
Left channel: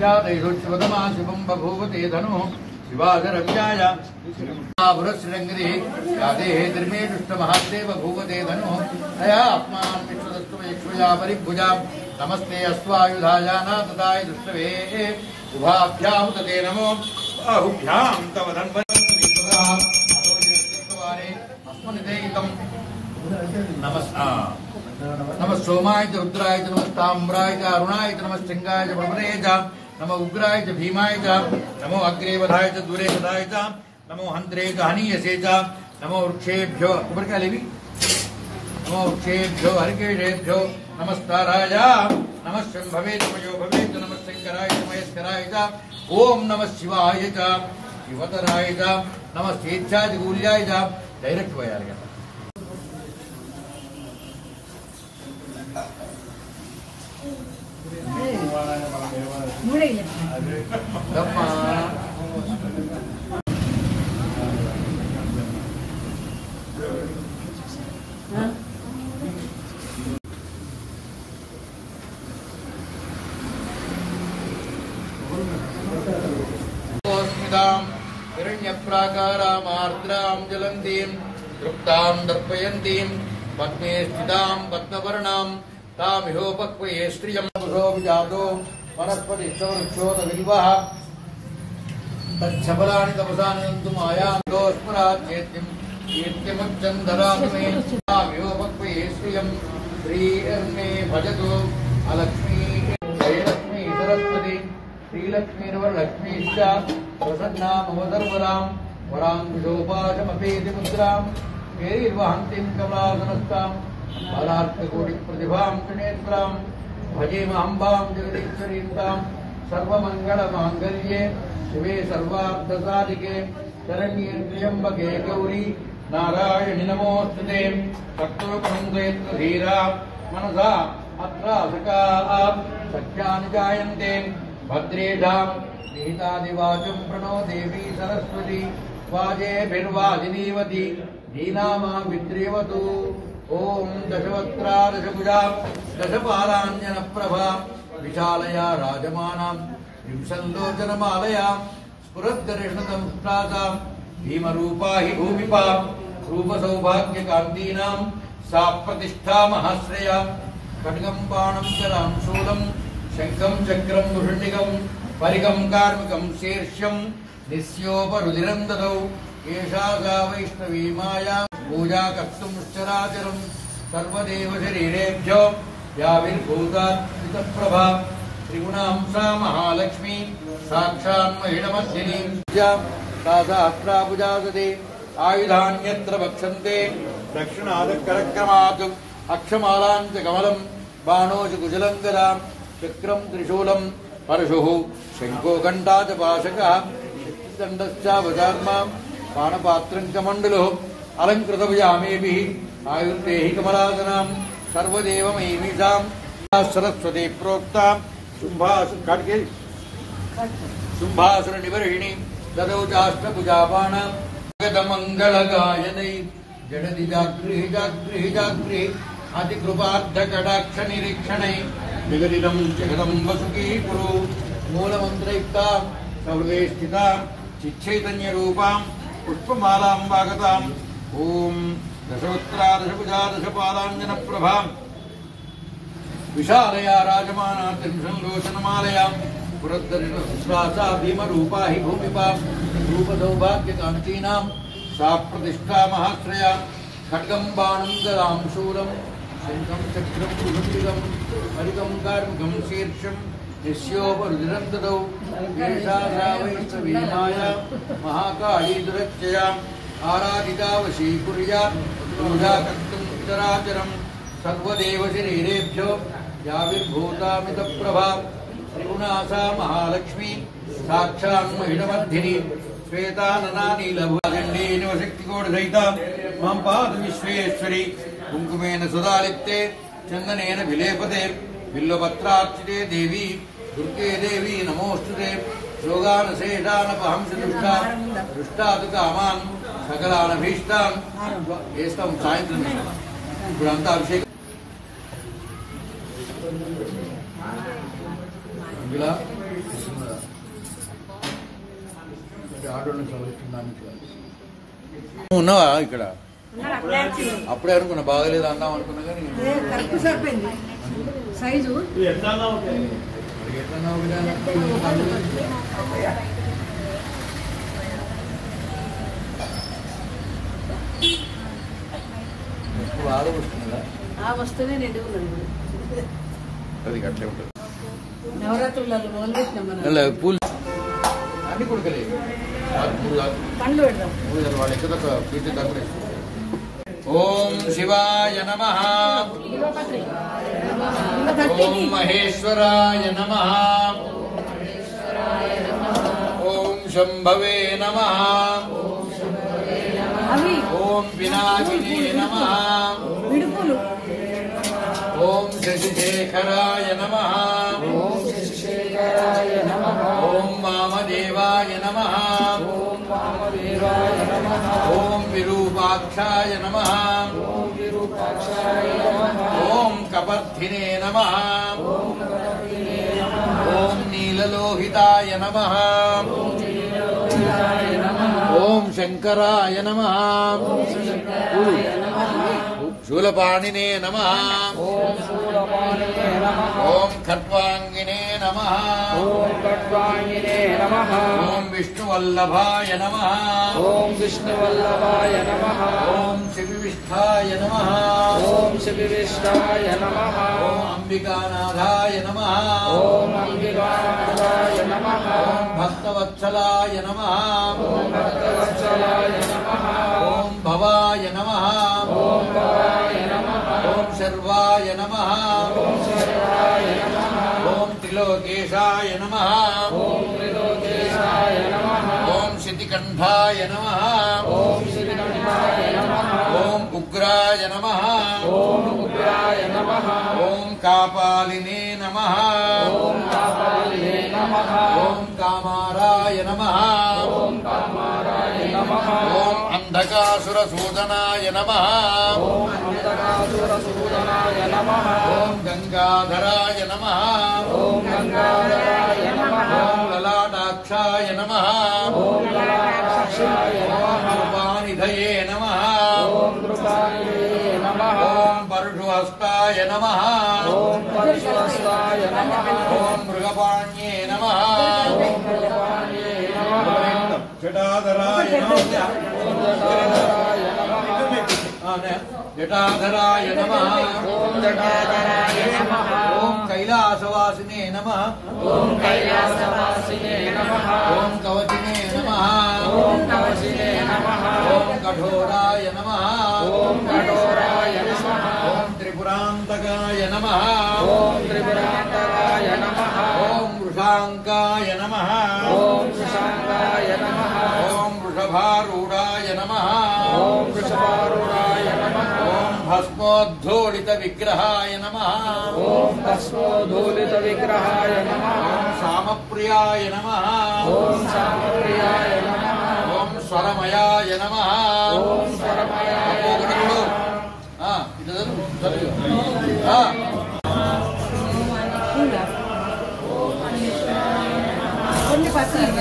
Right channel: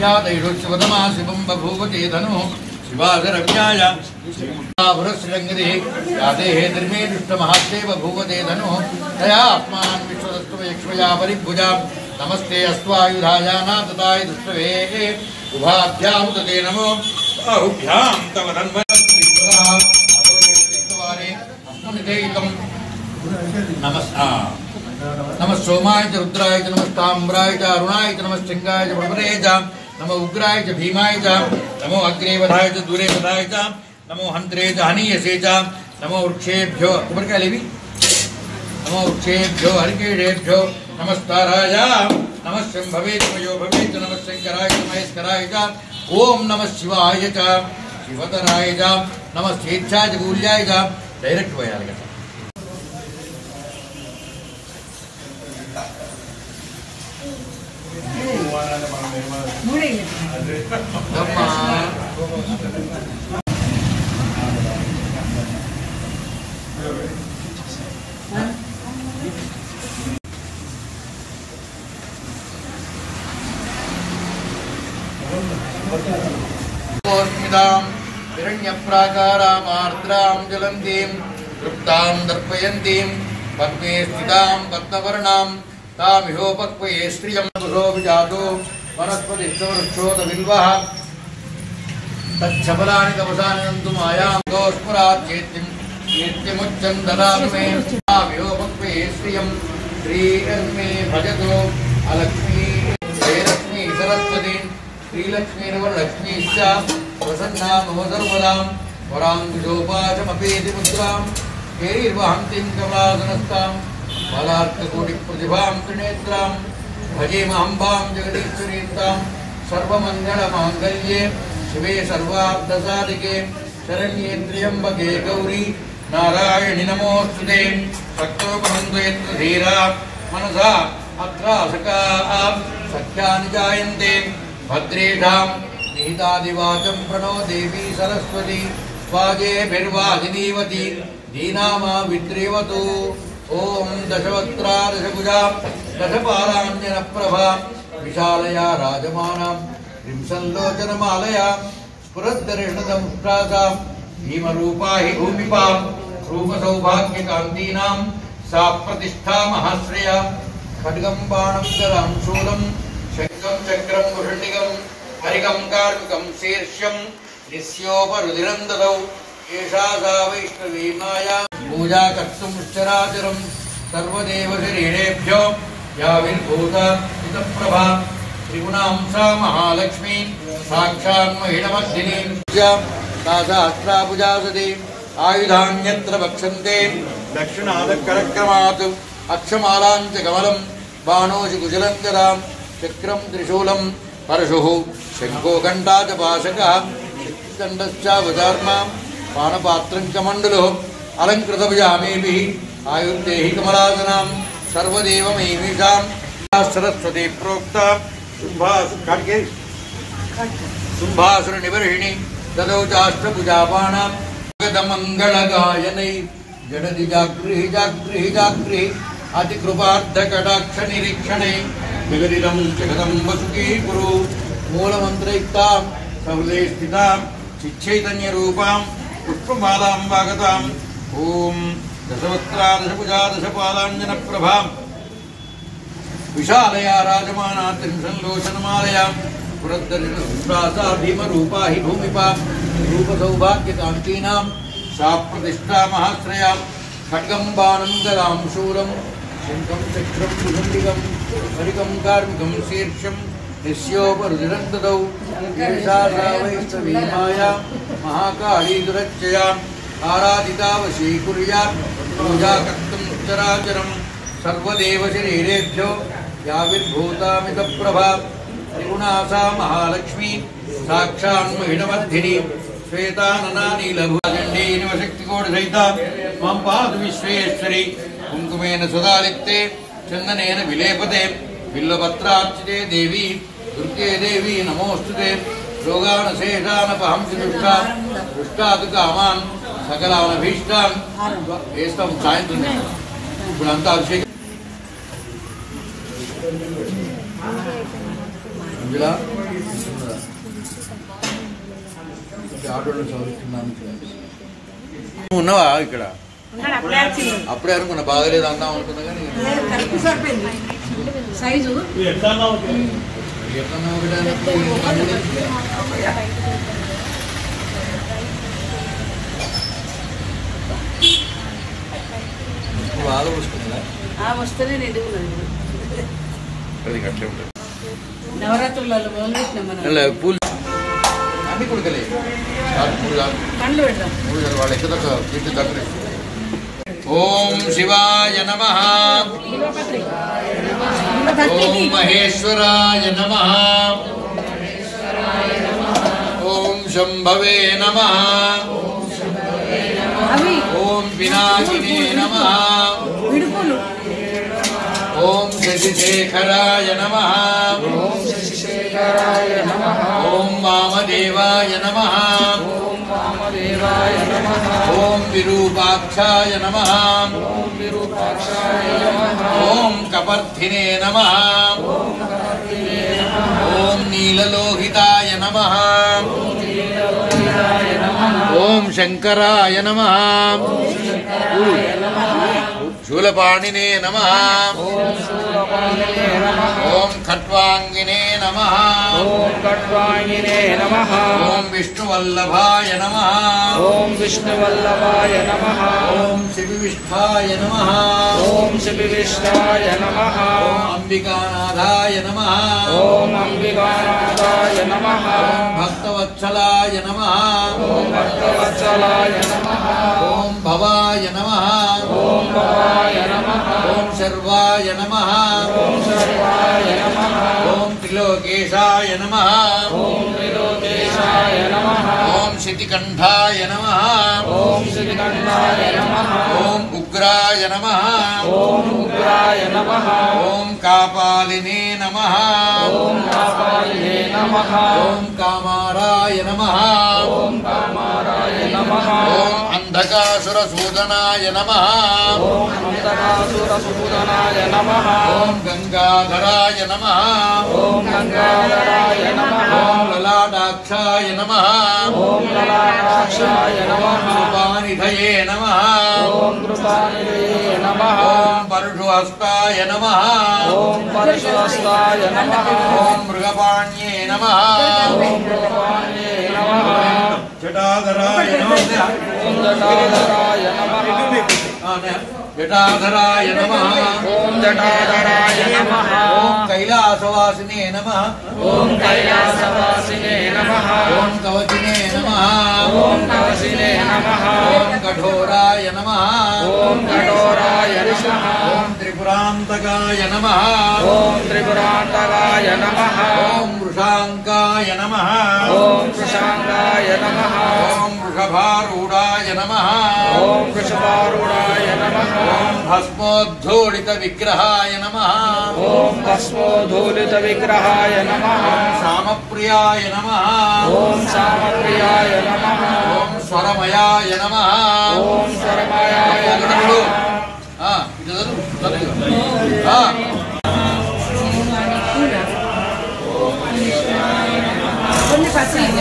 यादैषुत्सवतमा शिवं बभूवते धनुः शिवाधरव्याय श्रीमुखाभुरश्रीरङ्गिरिः यादेः धर्मे दुष्टमहात्ते बभूवते धनुः तया आत्मान् विश्वदस्तुवयक्ष्मया परिभुजा नमस्ते अस्त्वायुधायाना तदाय दुष्टवे उभाभ्यां तते नमो बाहुभ्यां तव नमः सोमाय च रुद्राय च नमः ताम्राय च अरुणाय च नमः शंकाय च प्रभुदे च नमो उग्राय च भीमाय च नमो अग्रेवधाय च दूरेवधाय च नमो हंत्रे च हनीयसे च नमो वृक्षेभ्यो नमो वृक्षेभ्यो हरिकेशेभ्यो नमस्ताराय नमः शंभवे तुमयो भवे च नमः शंकराय च महेश्वराय च ओम नमः शिवाय च शिवधराय च नमः स्वेच्छाय च कूल्याय च डायरेक्ट పోయాలి हिरण्यप्राकारामार्द्रां ज्वलन्तीं तृप्तां दर्पयन्तीं पद्मे स्थितां पद्मवर्णां तामिहोपक्वये श्रियं पुरो विजातो वनस्पतिश्चवृक्षोदविल्वः तच्छबलानि तपसानि नन्तु मायां दोस्मरात् चेत्यं कीर्तिमुच्चं ददातु मे तामिहोपक्वये श्रियं श्रीर्मे भजतु अलक्ष्मी जयलक्ष्मी सरस्वती श्रीलक्ष्मीर्वरलक्ष्मीश्च प्रसन्ना मम सर्वदां वराङ्गुशोपाशमपेति मुद्रां कैर्वहन्तीं कमलासनस्तां बालार्ककोटिप्रतिभां त्रिनेत्रां भजेमहम्बां जगदीश्वरीं सर्वमङ्गलमाङ्गल्ये शिवे सर्वार्थसाधिके शरण्ये त्र्यम्बके गौरी नारायणि नमोऽस्तुते शक्तोपहन्तु यत्र धीरा मनसा अत्र सख्यानि जायन्ते भद्रेषां निहितादिवाचं प्रणो देवी सरस्वती वाजेभिर्वाजिनीवती दीनामा विद्रेवतु ओम दशवक्त्रा दशभुजा दशपालाञ्जनप्रभा विशालया राजमानां त्रिंशल्लोचनमालया स्फुरद्दर्शनदंष्ट्रासां भीमरूपा हि भूमिपा रूपसौभाग्यकान्तीनां सा प्रतिष्ठा महाश्रया खड्गं बाणं शरां शूलं शङ्खं चक्रं मुषण्डिकं परिगं कार्मिकं शीर्ष्यं निस्योपरुधिरं ददौ एषा सा वैष्णवी माया पूजा कर्तुं चराचरं सर्वदेव शरीरेभ्यो याविर्भूता इतप्रभा त्रिगुणां सा महालक्ष्मी साक्षात् महिषमर्दिनी सा सहस्राभुजासते आयुधान्यत्र वक्षन्ते दक्षिणादकरक्रमात् अक्षमालां च कमलं बाणोषि कुशलं गदां चक्रं त्रिशूलं परशुः शङ्खो घण्टा च पाशकः शक्तिदण्डश्चावचार्मां पाणपात्रं च मण्डलुः अलङ्कृतभुजामेभिः आयुर्देहि कमलासनां सर्वदेवमेमीषां सरस्वती प्रोक्ता शुम्भासुरनिवर्हिणी तदौ चाष्टभुजापाणां जगदमङ्गलगायनै जडति जागृहि जागृहि जागृहि अतिकृपार्धकटाक्षनिरीक्षणै जगदिदं जगदं वसुकी कुरु मूलमन्त्रयुक्तां सहृदये स्थितां चिच्चैतन्यरूपां पुष्पमालां वागतां ॐ दशवक्त्रा दशभुजा दशपालाञ्जनप्रभां विशालया राजमाना त्रिंशल्लोचनमालयां पुरद्दर्शनसहस्रासा भीमरूपा हि भूमिपा रूपसौभाग्यकान्तीनां सा प्रतिष्ठा महाश्रया खड्गं बाणं गदां शूलं शङ्खं चक्रं मुषण्डिकं परिगं कार्मिकं शीर्षं निस्योपरुधिरं ददौ एषा सा वैष्णवी माया महाकाली दुरत्ययाम् आराधिता वशीकुर्या पूजा कर्तुं चराचरं सर्वदेव शरीरेभ्यो याविर्भूतामितप्रभा त्रिगुणा सा महालक्ष्मी साक्षात् महिषमर्दिनी श्वेतानना नीलभुजण्डी निवशक्तिकोटिसहिता मां पातु विश्वेश्वरी कुङ्कुमेन सुधालिप्ते चन्दनेन विलेपते बिल्वपत्रार्चिते देवी दुर्गे देवी नमोऽस्तुते रोगानशेषानपहंसि दृष्टातु कामान् सकलानभीष्टान् వేస్తాం సాయంత్రం ఇప్పుడు అంతా అభిషేకం ఉన్నావా ఇక్కడ అప్పుడే అనుకున్నా బాగలేదు అందాం అనుకున్నా కానీ బాగా వస్తుందా వస్తేనే నిండుకున్నది అది అట్లే ఉంటుంది నవరాత్రులలో మొదలుపెట్టినాం మనం పూలు అన్ని కొడుకలేదు కళ్ళు పెడదాం వాళ్ళ ఎక్కడ కీర్తి దగ్గర ఓం శివాయ నమః ఓం మహేశ్వరాయ నమః ఓం శంభవే నమః ఓం పినాకినే నమః ఓం శశిశేఖరాయ నమః ఓం వామదేవాయ నమః ఓం విరూపాక్షాయ నమః ఓం కపర్ధినే నమః ఓం నీలలోహితాయ నమః ఓం శంకరాయ నమః శూలపాణినే నమః ఓం ఖట్వాంగినే నమః ఓం విష్ణువల్లభాయ నమః ఓం విష్ణువల్లభాయ నమః ఓం శివివిష్ఠాయ నమః ఓం శివివిష్ఠాయ నమః ఓం అంబికానాథాయ నమః ఓం అంబికానాథాయ నమః ఓం భక్తవత్సలాయ నమః ఓం భక్తవత్సలాయ నమః ఓం భవాయ నమః ఓం భవాయ నమః ఓం శర్వాయ నమః ఓం సర్వాయ నమః ఓం त्रिलोकेशाय नमः ఓం త్రిలోకేశాయ నమః ओम शितिकण्ठाय नमः ఓం శ్రీకంఠాయ నమః ओम उग्राय नमः ఓం ఉగ్రాయ నమః ओम कापालिने नमः ఓం కాపాలినే నమః ओम कामाराय नमः ఓం కామారాయ నమః ओम अंधकासुरसूदनाय नमः ఓం అంతకాసురసూదనాయ నమః ओम गंगाधराय नमः ఓం గంగాధరాయ నమః ओम ललाटाक्षाय नमः ఓం లలాటాక్షాయ నమః कृपानिधये नमः ఓం కృపానిధయే నమః ओम परशुहस्ताय नमः ఓం పరశుహస్తాయ నమః ओम मृगपाण्ये नमः ఓం భగవాన్యే నమః जटाधराय नमः ఓం జటాధరాయ నమః जटाधराय नमः ఓం జటాధరాయ నమః ओम कैलासवासिने नमः ఓం కైలాసవాసినే నమః ओम कवचिने नमः ఓం కవసినే నమః ओम कठोराय नमः ఓం కఠోరాయ నమః ओम त्रिपुरान्तकाय नमः ఓం త్రిపురాంతకాయ నమః ओम वृषाङ्काय नमः ఓం కృషాంగాయ నమః ओम वृषभारूढाय नमः ఓం వృషభారూఢాయ నమః ओम भस्मोद्धूलित विग्रहाय नमः ఓం భస్మోధూలిత విగ్రహాయ నమః सामप्रियाय नमः ఓం సామప్రియాయ నమః ओम स्वरमयाय नमः ఓం స్వరమయాయ నమః కొన్ని పర్సెంట్